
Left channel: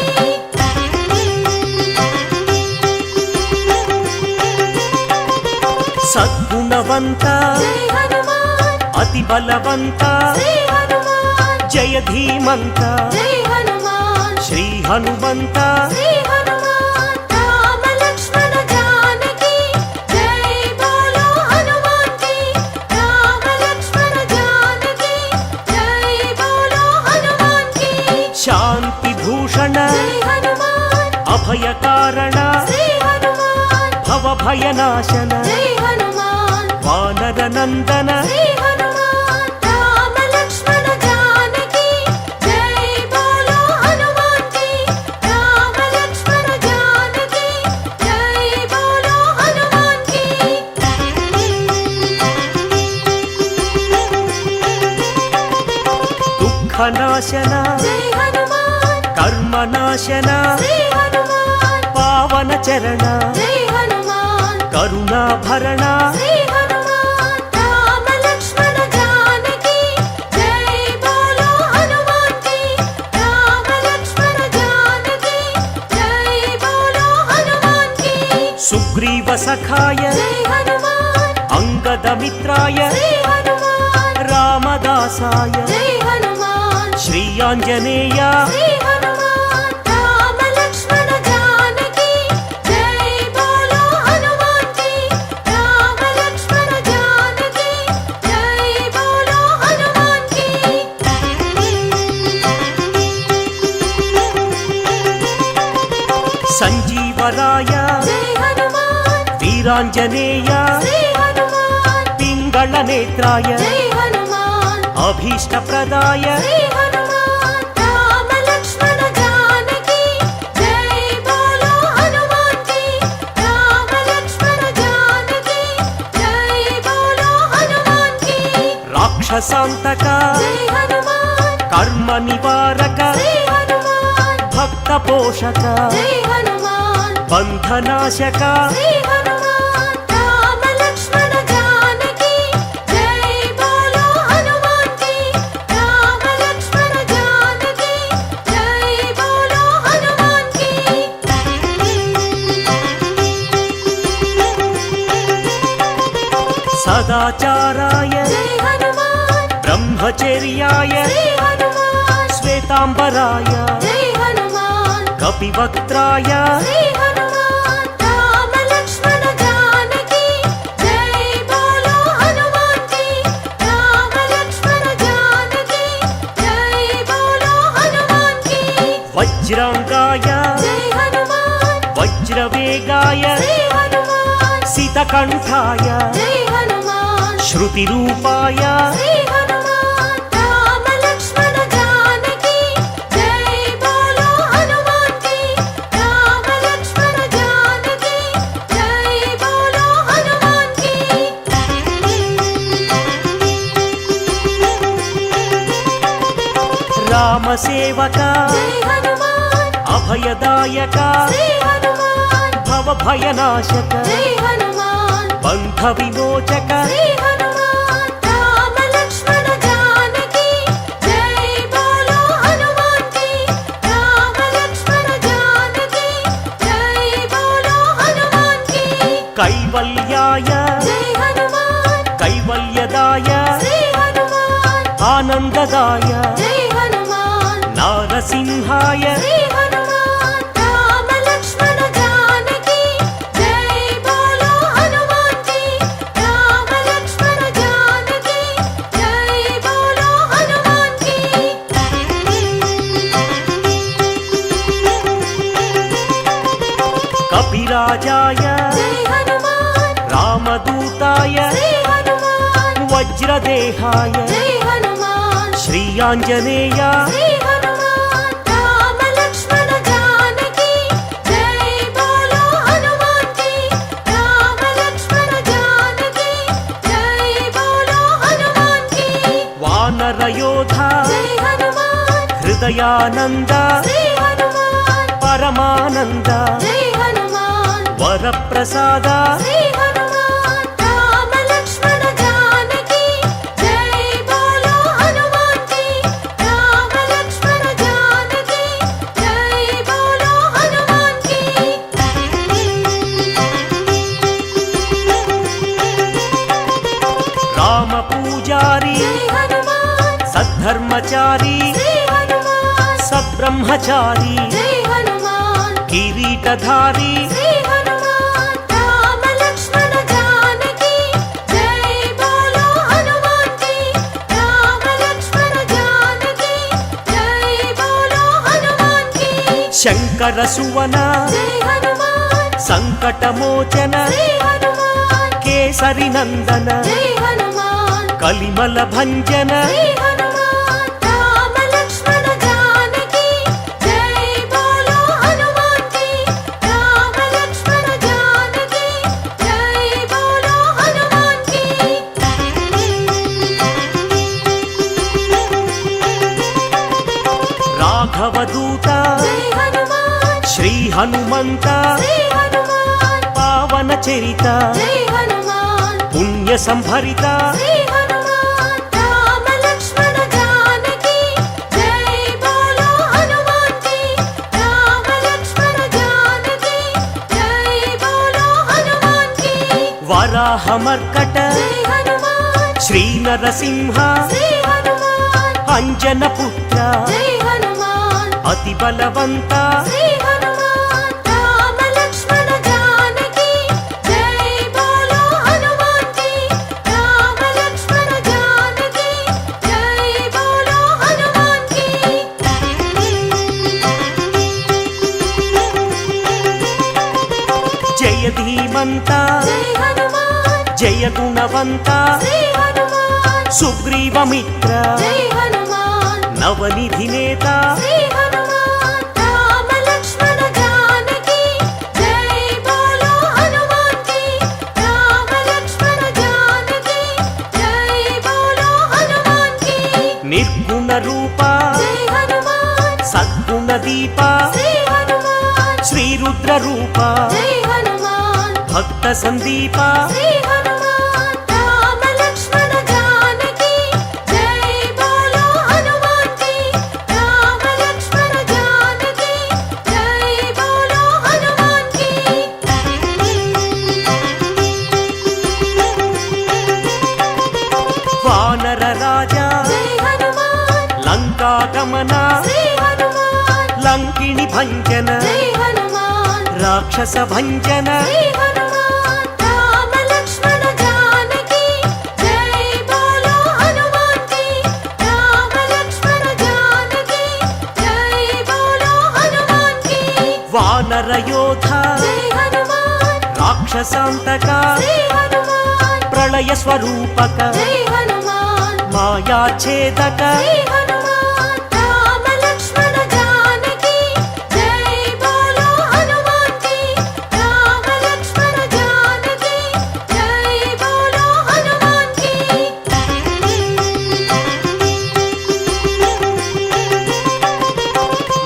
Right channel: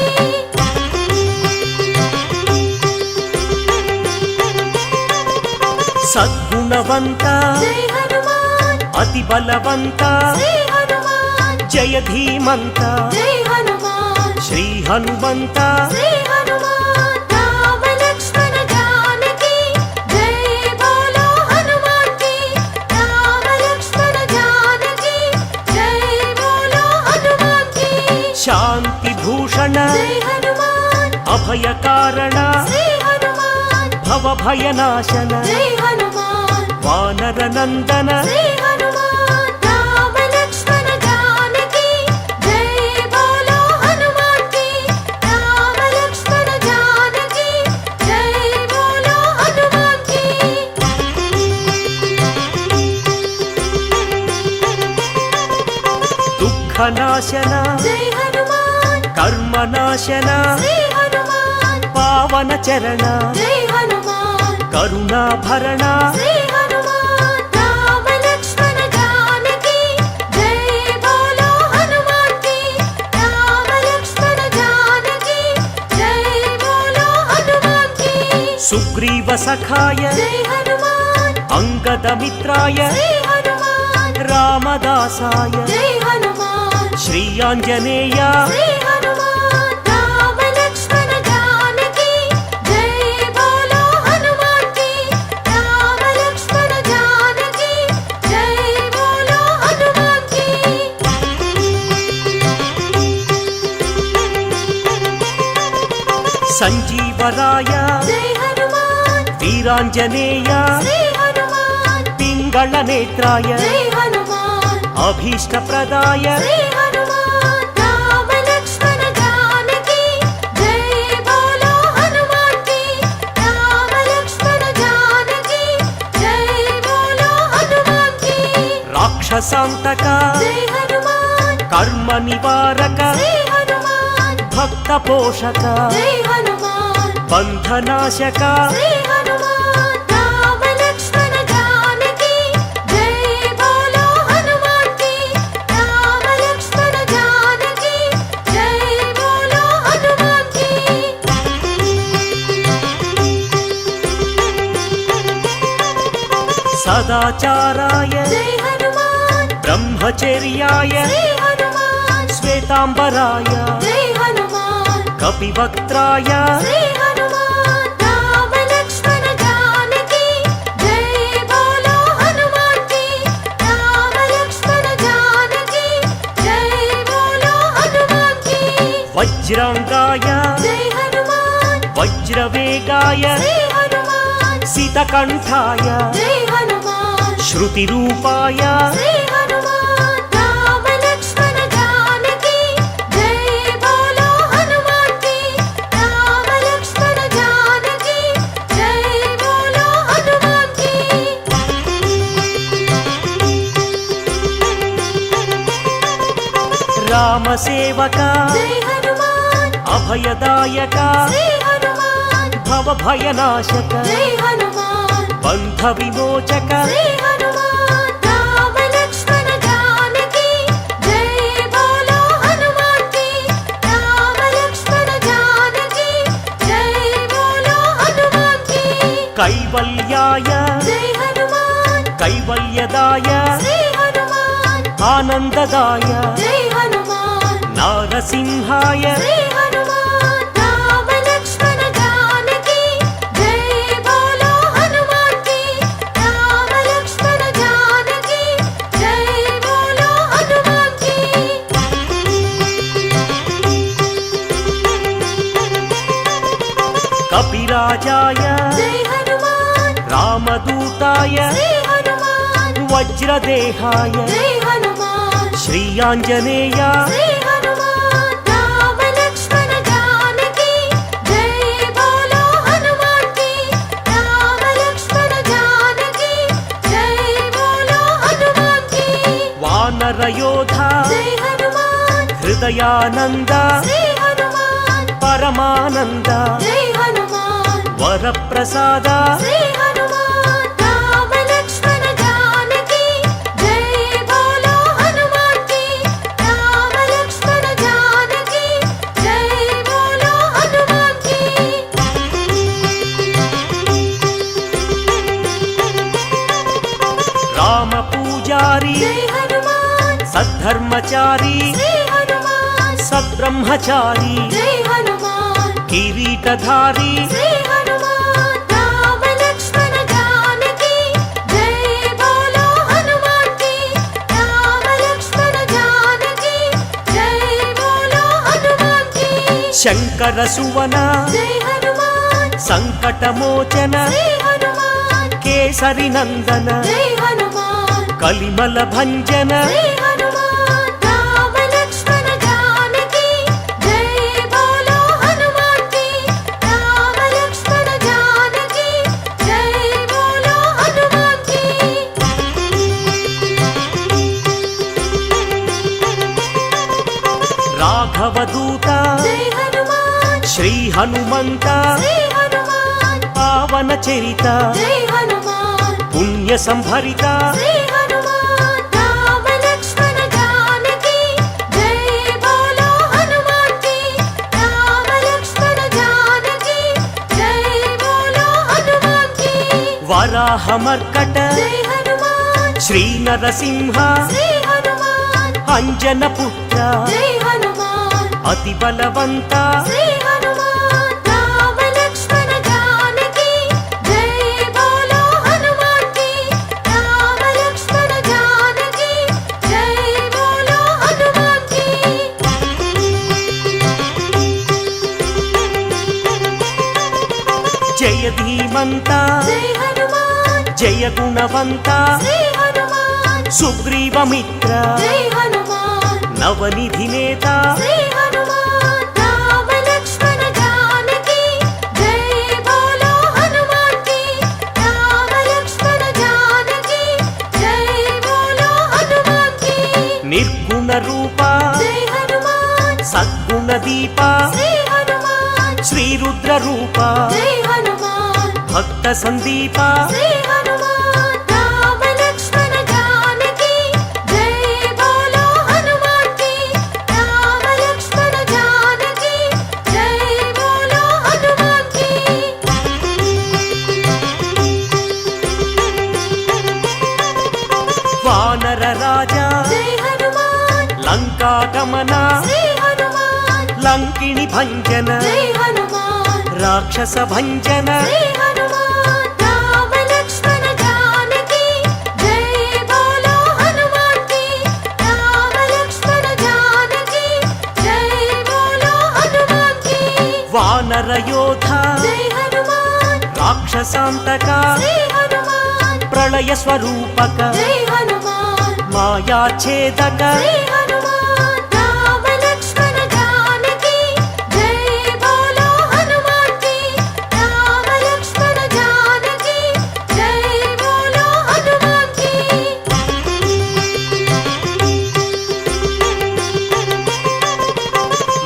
సద్గుణవంత జై హనుమాన్ అతి బలవంత శ్రీ హనుమాన్ జయ ధీమంత జై హనుమాన్ శ్రీ హనుమంత శ్రీ హనుమాన్ రామ లక్ష్మణ జానకి జై బోలో హనుమాన్ కి రామ లక్ష్మణ జానకి జై బోలో హనుమాన్ కి శాంతి భూషణ జై హనుమాన్ అభయ కారణ శ్రీ హనుమాన్ భవ భయనాశన జై హనుమాన్ వానర నందన జై హనుమాన్ రామ లక్ష్మణ జానకి జై బోలో హనుమాన్ కి రామ లక్ష్మణ జానకి జై బోలో హనుమాన్ కి దుఃఖనాశన జై హనుమాన్ కర్మనాశన జై హనుమాన్ పావన చరణ జై హనుమాన్ కరుణాభరణ జై హనుమాన్ రామ లక్ష్మణ జానకి జై బోలో హనుమాన్ కి రామ లక్ష్మణ జానకి జై బోలో హనుమాన్ కి సుగ్రీవ సఖాయ జై హనుమాన్ అంగద మిత్రాయ జై హనుమాన్ రామదాసాయ జై హనుమాన్ శ్రీ ఆంజనేయ జై హనుమాన్ రామ లక్ష్మణ జానకి జై బోలో హనుమాన్ కి రామ లక్ష్మణ జానకి జై బోలో హనుమాన్ కి సంజీవరాయ జై హనుమాన్ వీరాంజనేయ జై హనుమాన్ పింగళ నేత్రాయ జై హనుమాన్ అభీష్టప్రదాయ జై హనుమాన్ రామ లక్ష్మణ జానకి జై బోలో హనుమాన్ కి రామ లక్ష్మణ జానకి జై బోలో హనుమాన్ కి రాక్షసాంతక జై హనుమాన్ కర్మ నివారక జై హనుమాన్ భక్త పోషక జై హనుమాన్ బంధనాశక జై హనుమాన్ రామ లక్ష్మణ జానకి జై బోలో హనుమాన్ కి రామ లక్ష్మణ జానకి జై బోలో హనుమాన్ కి సదాచారాయ జై హనుమాన్ బ్రహ్మచర్యాయ జై హనుమాన్ శ్వేతాంబరాయ జై హనుమాన్ కపివక్త్రాయ జై హనుమాన్ రామ లక్ష్మణ జానకి జై బోలో హనుమాన్ కి రామ లక్ష్మణ జానకి జై బోలో హనుమాన్ కి వజ్రాంగాయ జై హనుమాన్ వజ్రవేగాయ జై హనుమాన్ సితకంఠాయ జై హనుమాన్ శృతిరూపాయ జై హనుమాన్ రామ లక్ష్మణ జానకి జై బోలో హనుమాన్ కి రామ లక్ష్మణ జానకి జై బోలో హనుమాన్ కి రామసేవక జై హనుమాన్ అభయదాయక జై హనుమాన్ భవభయనాశక జై హనుమాన్ బంధ విమోచక జై హనుమాన్ రామ లక్ష్మణ జానకి జై బోలో హనుమాన్ కి రామ లక్ష్మణ జానకి జై బోలో హనుమాన్ కి కైవల్యాయ జై హనుమాన్ కైవల్యదాయ జై హనుమాన్ ఆనందదాయ జై హనుమాన్ నారసింహాయ జై హనుమాన్ రామ లక్ష్మణ జానకి జై బోలో హనుమాన్ కి రామ లక్ష్మణ జానకి జై బోలో హనుమాన్ కి కపిరాజాయ జై హనుమాన్ రామదూతాయ జై హనుమాన్ వజ్రదేహాయ జై హనుమాన్ శ్రీ ఆంజనేయ జై హనుమాన్ రామ లక్ష్మణ జానకి జై బోలో హనుమాన్ కి రామ లక్ష్మణ జానకి జై బోలో హనుమాన్ కి వానరయోధ జై హనుమాన్ హృదయానంద జై హనుమాన్ పరమానంద జై హనుమాన్ వరప్రసాద జై హనుమాన్ రామ లక్ష్మణ జానకి జై బోలో హనుమాన్ కి రామ లక్ష్మణ జానకి జై బోలో హనుమాన్ కి రామ పూజారి జై హనుమాన్ సద్ధర్మచారి జై హనుమాన్ సద్బ్రహ్మచారి జై హనుమాన్ కిరీటధారి జై హనుమాన్ రామ లక్ష్మణ జానకి జై బోలో హనుమాన్ కి రామ లక్ష్మణ జానకి జై బోలో హనుమాన్ కి శంకర సువన జై హనుమాన్ సంకటమోచన జై హనుమాన్ కేసరి నందన జై హనుమాన్ కలిమల భంజన జై హనుమాన్ రామ లక్ష్మణ జానకి జై బోలో హనుమాన్ కి రామ లక్ష్మణ జానకి జై బోలో హనుమాన్ కి రాఘవదూత జై హనుమాన్ శ్రీ హనుమంత శ్రీ హనుమాన్ పావన చరిత జై హనుమాన్ పుణ్య సంభరిత శ్రీ హనుమాన్ రామ లక్ష్మణ జానకి జై బోలో హనుమాన్ కి రామ లక్ష్మణ జానకి జై బోలో హనుమాన్ కి వరాహమర్కట జై హనుమాన్ శ్రీ నరసింహ శ్రీ హనుమాన్ అంజన పుత్ర జై హనుమాన్ అతి బలవంత శ్రీ హనుమాన్ రామ లక్ష్మణ జానకి జై బోలో హనుమాన్ కి రామ లక్ష్మణ జానకి జై బోలో హనుమాన్ కి జయ ధీమంత జై హనుమాన్ జయ గుణవంత శ్రీ హనుమాన్ సుగ్రీవమిత్ర జై హనుమాన్ నవనిధి నేత శ్రీ హనుమాన్ రామ లక్ష్మణ జానకి జై బోలో హనుమాన్ కి రామ లక్ష్మణ జానకి జై బోలో హనుమాన్ కి నిర్గుణ రూప జై హనుమాన్ సద్గుణ దీప శ్రీ హనుమాన్ శ్రీ రుద్ర రూప జై హనుమాన్ భక్త సందీప శ్రీ హనుమాన్ రామ లక్ష్మణ జానకి జై బోలో హనుమాన్ కి రామ లక్ష్మణ జానకి జై బోలో హనుమాన్ కి వానర రాజా జై హనుమాన్ లంకా గమన శ్రీ హనుమాన్ లంకిణి భంజన జై హనుమాన్ రాక్షస భంజన శ్రీ హనుమాన్ రామ లక్ష్మణ జానకి జై బోలో హనుమాన్ కి రామ లక్ష్మణ జానకి జై బోలో హనుమాన్ కి వానర యోధ జై హనుమాన్ రాక్షసాంతక శ్రీ హనుమాన్ ప్రళయ స్వరూపక జై హనుమాన్ మాయాఛేదక శ్రీ హనుమాన్ రామ లక్ష్మణ జానకి జై బోలో హనుమాన్ కి రామ లక్ష్మణ జానకి జై బోలో హనుమాన్ కి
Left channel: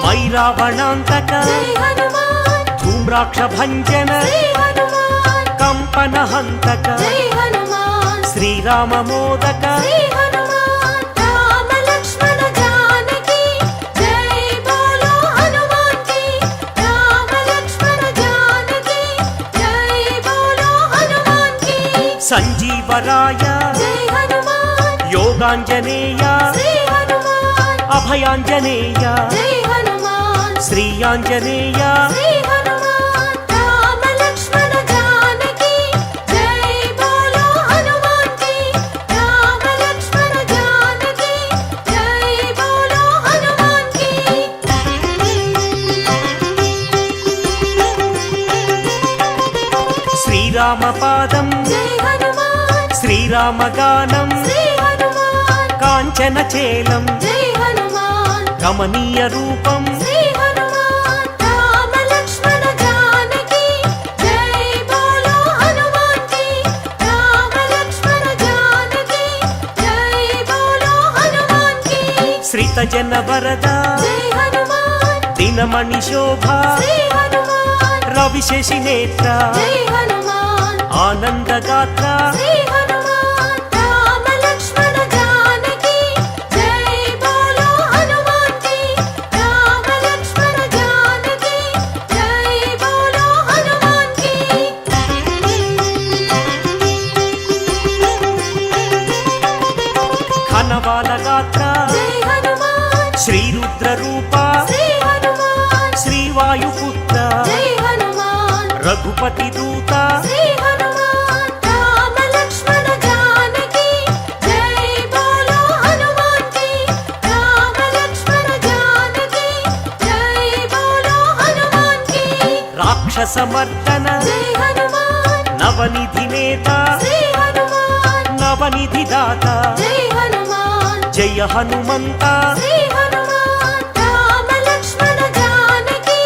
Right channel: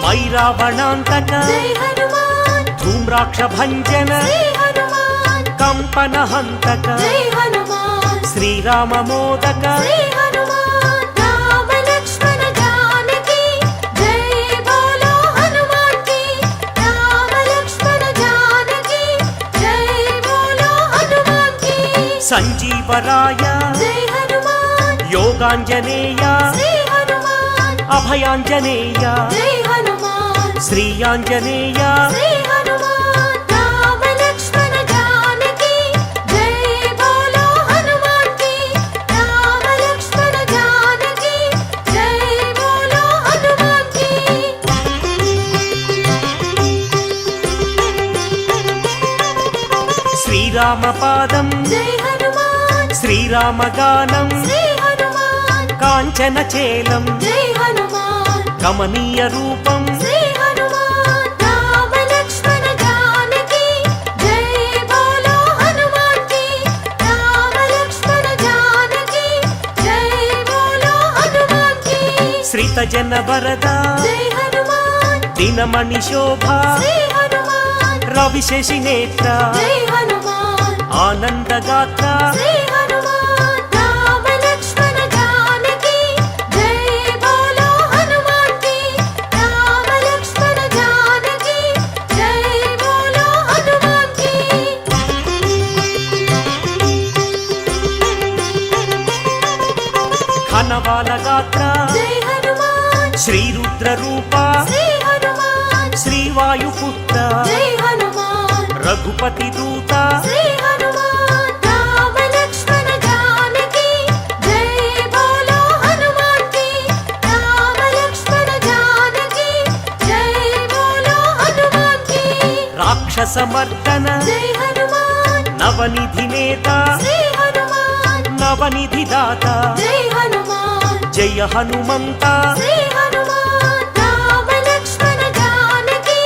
మైరావణాంతక జై హనుమాన్ ధూమ్రాక్ష భంజన శ్రీ హనుమాన్ కంపన హంతక జై హనుమాన్ శ్రీరామ మోదక శ్రీ హనుమాన్ రామ లక్ష్మణ జానకి జై బోలో హనుమాన్ కి రామ లక్ష్మణ జానకి జై బోలో హనుమాన్ కి సంజీవరాయ జై హనుమాన్ యోగాంజనేయ శ్రీ హనుమాన్ అభయాంజనేయ జై హనుమాన్ శ్రీయాంజనేయ శ్రీ హనుమాన్ రామ లక్ష్మణ జానకి జై బోలో హనుమాన్ కి రామ లక్ష్మణ జానకి జై బోలో హనుమాన్ కి శ్రీరామ పాదం జై హనుమాన్ శ్రీరామ గానం శ్రీ హనుమాన్ కాంచన చేలం జై హనుమాన్ కమనీయ రూపం శ్రీ హనుమాన్ రామ లక్ష్మణ జానకి జై బోలో హనుమాన్ కి రామ లక్ష్మణ జానకి జై బోలో హనుమాన్ కి శ్రిత జన వరద జై హనుమాన్ దినమణి శోభ శ్రీ హనుమాన్ రవిశేషి నేత్ర జై హనుమాన్ ఆనందగాత్ర శ్రీ హనుమాన్ రామ లక్ష్మణ జానకి జై బోలో హనుమాన్ కి రామ లక్ష్మణ జానకి జై బోలో హనుమాన్ కి ఘనవాల గాత్ర జై హనుమాన్ శ్రీరుద్ర రూప శ్రీ హనుమాన్ శ్రీవాయుపుత్ర జై హనుమాన్ రఘుపతి దూత శ్రీ హనుమాన్ రామ లక్ష్మణ జానకి జై బోలో హనుమాన్ కి రామ లక్ష్మణ జానకి జై బోలో హనుమాన్ కి రాక్షసమర్దన జై హనుమాన్ నవనిధి నేత శ్రీ హనుమాన్ నవనిధి దాత జై హనుమాన్ జయ హనుమంత శ్రీ హనుమాన్ రామ లక్ష్మణ జానకి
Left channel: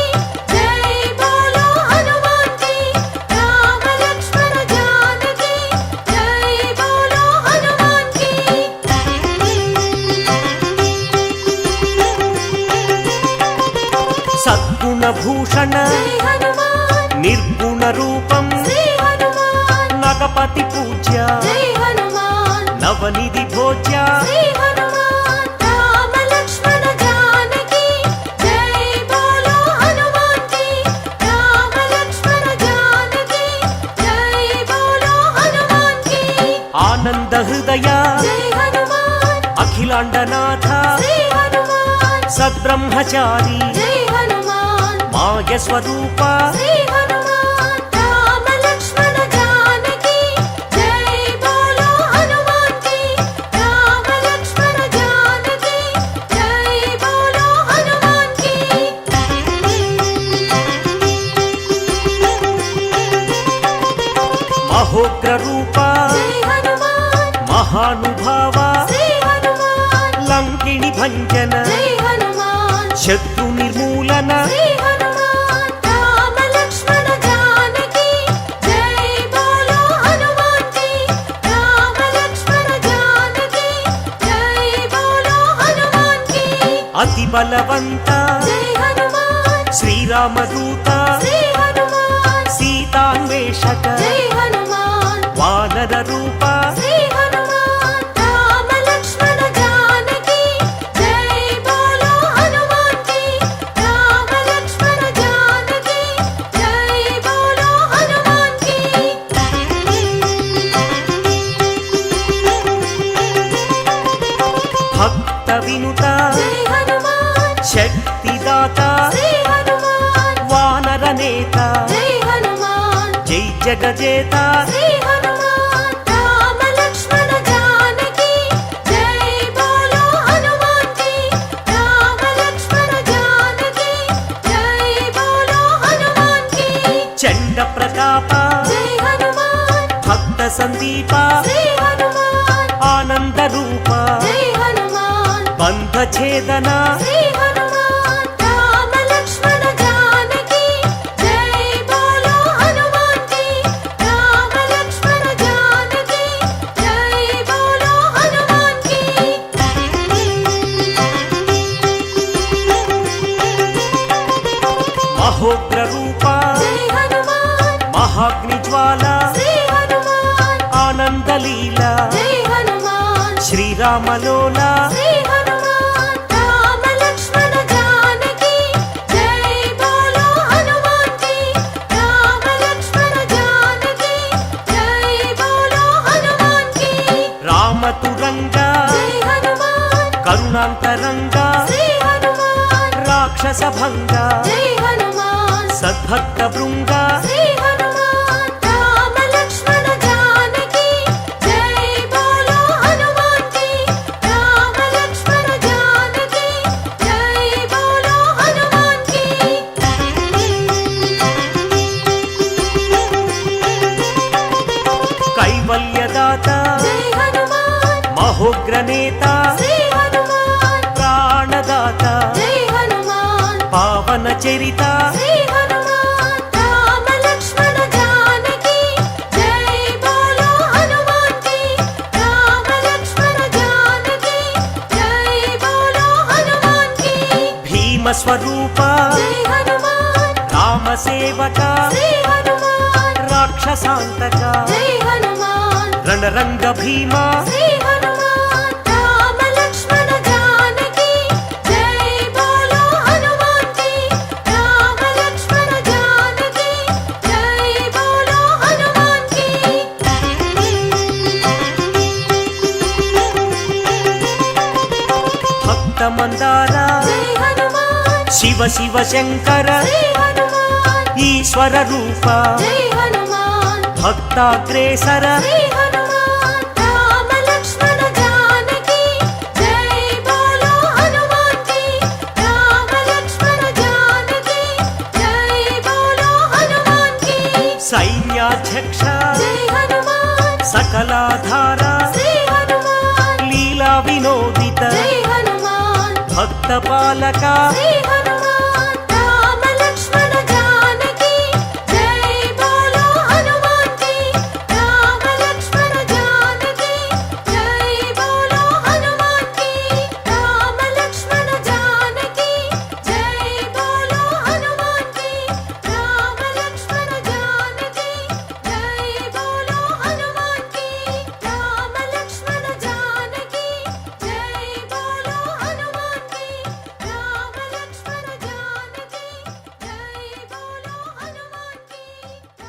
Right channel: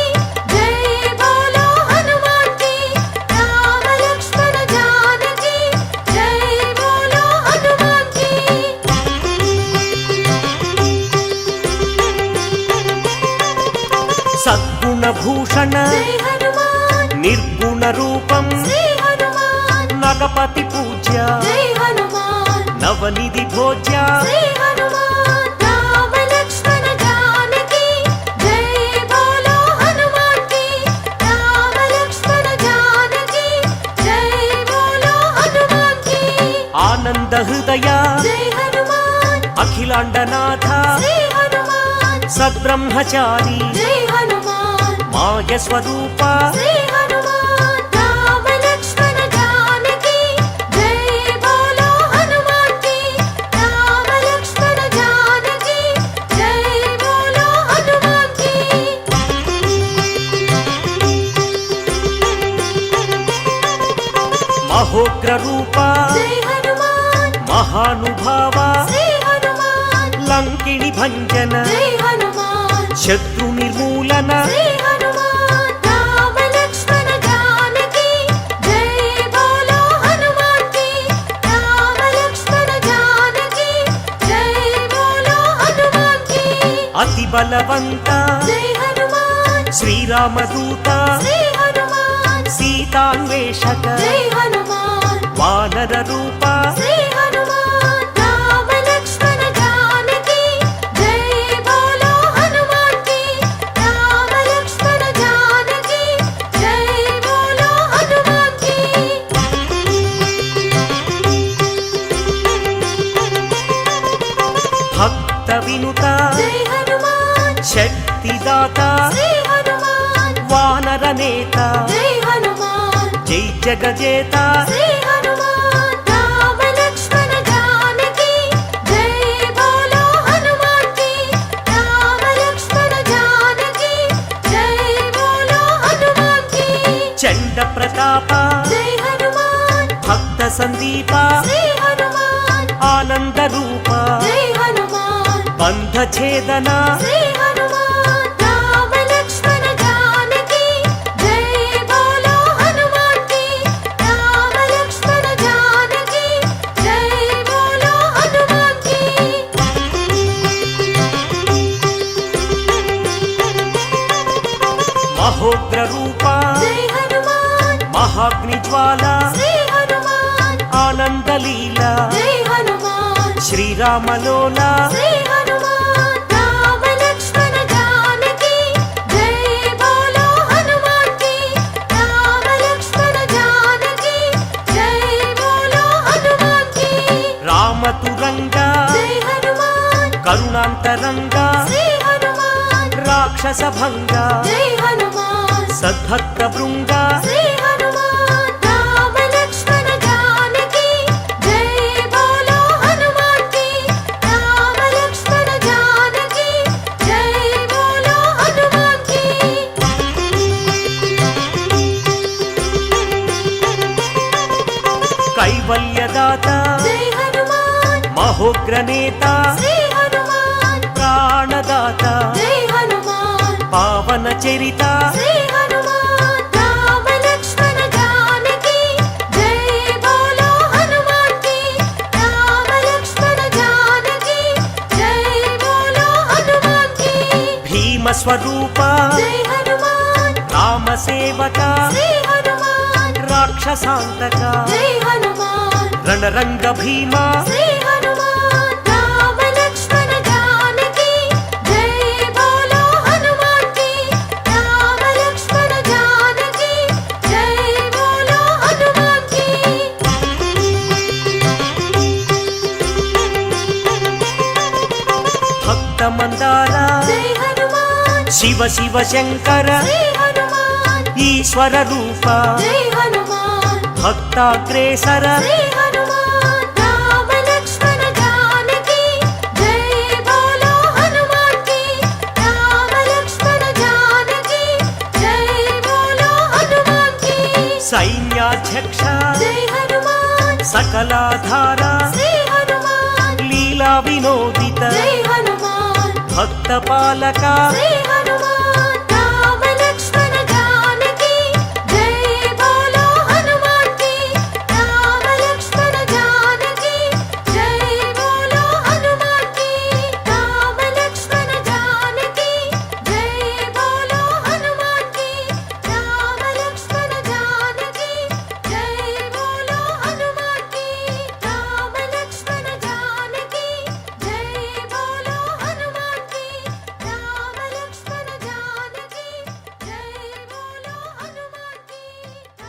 జై బోలో హనుమాన్ కి రామ లక్ష్మణ జానకి జై బోలో హనుమాన్ కి సద్గుణ భూషణ జై హనుమాన్ నిర్గుణ రూపం శ్రీ హనుమాన్ నగపతి పూజ్య జై హనుమాన్ నవనిధి భోజ్య శ్రీ హనుమాన్ రామ లక్ష్మణ జానకి జై బోలో హనుమాన్ కి రామ లక్ష్మణ జానకి జై బోలో హనుమాన్ కి ఆనంద హృదయ జై హనుమాన్ అఖిలాండనాథ శ్రీ హనుమాన్ సద్బ్రహ్మచారి జై హనుమాన్ మాయ స్వరూప శ్రీ హనుమాన్ రామ లక్ష్మణ జానకి జై బోలో హనుమాన్ కి రామ లక్ష్మణ జానకి జై బోలో హనుమాన్ కి మహోగ్ర రూప జై హనుమాన్ మహానుభావ శ్రీ హనుమాన్ లంకిణి భంజన జై హనుమాన్ శత్రు నిర్మూలన శ్రీ హనుమాన్ రామ లక్ష్మణ జానకి జై బోలో హనుమాన్ కి రామ లక్ష్మణ జానకి జై బోలో హనుమాన్ కి అతి బలవంత జై హనుమాన్ శ్రీరామదూత శ్రీ హనుమాన్ సీతాన్వేషక జై హనుమాన్ వానర రూప శ్రీ హనుమాన్ రామ లక్ష్మణ జానకి జై బోలో హనుమాన్ కి రామ లక్ష్మణ జానకి జై బోలో హనుమాన్ కి భక్త వినుత జై హనుమాన్ శక్తిదాత శ్రీ హనుమాన్ వానర నేత జై హనుమాన్ జై జగజేత శ్రీ హనుమాన్ రామ లక్ష్మణ జానకి జై బోలో హనుమాన్ కి రామ లక్ష్మణ జానకి జై బోలో హనుమాన్ కి చండ ప్రతాప జై హనుమాన్ భక్త సందీప శ్రీ హనుమాన్ ఆనంద రూప జై హనుమాన్ బంధ ఛేదన శ్రీ హనుమాన్ రామ లక్ష్మణ జానకి జై బోలో హనుమాన్ కి రామ లక్ష్మణ జానకి జై బోలో హనుమాన్ కి మహోగ్ర రూప జై హనుమాన్ మహాగ్ని జ్వాల శ్రీ హనుమాన్ ఆనంద లీల జై హనుమాన్ శ్రీరామలోల శ్రీ హనుమాన్ రామ లక్ష్మణ జానకి జై బోలో హనుమాన్ కి రామ లక్ష్మణ జానకి జై బోలో హనుమాన్ కి రామతురంగ జై హనుమాన్ కరుణాంతరంగ శ్రీ హనుమాన్ రాక్షస భంగ జై హనుమాన్ సద్భక్త బృంగ శ్రీ హనుమాన్ రామ లక్ష్మణ జానకి జై బోలో హనుమాన్ కి రామ లక్ష్మణ జానకి జై బోలో హనుమాన్ కి కైవల్యదాత జై హనుమాన్ మహోగ్ర నేత శ్రీ హనుమాన్ ప్రాణదాత జై హనుమాన్ పావన చరిత శ్రీ హనుమాన్ రామ లక్ష్మణ జానకి జై బోలో హనుమాన్ కి రామ లక్ష్మణ జానకి జై బోలో హనుమాన్ కి భీమ స్వరూప జై హనుమాన్ రామ సేవక శ్రీ హనుమాన్ రాక్షసాంతక జై హనుమాన్ రణరంగ భీమ శ్రీ హనుమాన్ రామ లక్ష్మణ జానకి జై బోలో హనుమాన్ కి రామ లక్ష్మణ జానకి జై బోలో హనుమాన్ కి భక్త మందార జై హనుమాన్ శివ శివ శంకర శ్రీ హనుమాన్ ఈశ్వర రూప జై హనుమాన్ భక్తాగ్రేసర శ్రీ హనుమాన్ రామ లక్ష్మణ జానకి జై బోలో హనుమాన్ కి రామ లక్ష్మణ జానకి జై బోలో హనుమాన్ కి సైన్యాధ్యక్ష వెంకటేశ జై హనుమాన్ సకలాధార శ్రీ హనుమాన్ లీలా వినోదిత జై హనుమాన్ భక్త పాలక శ్రీ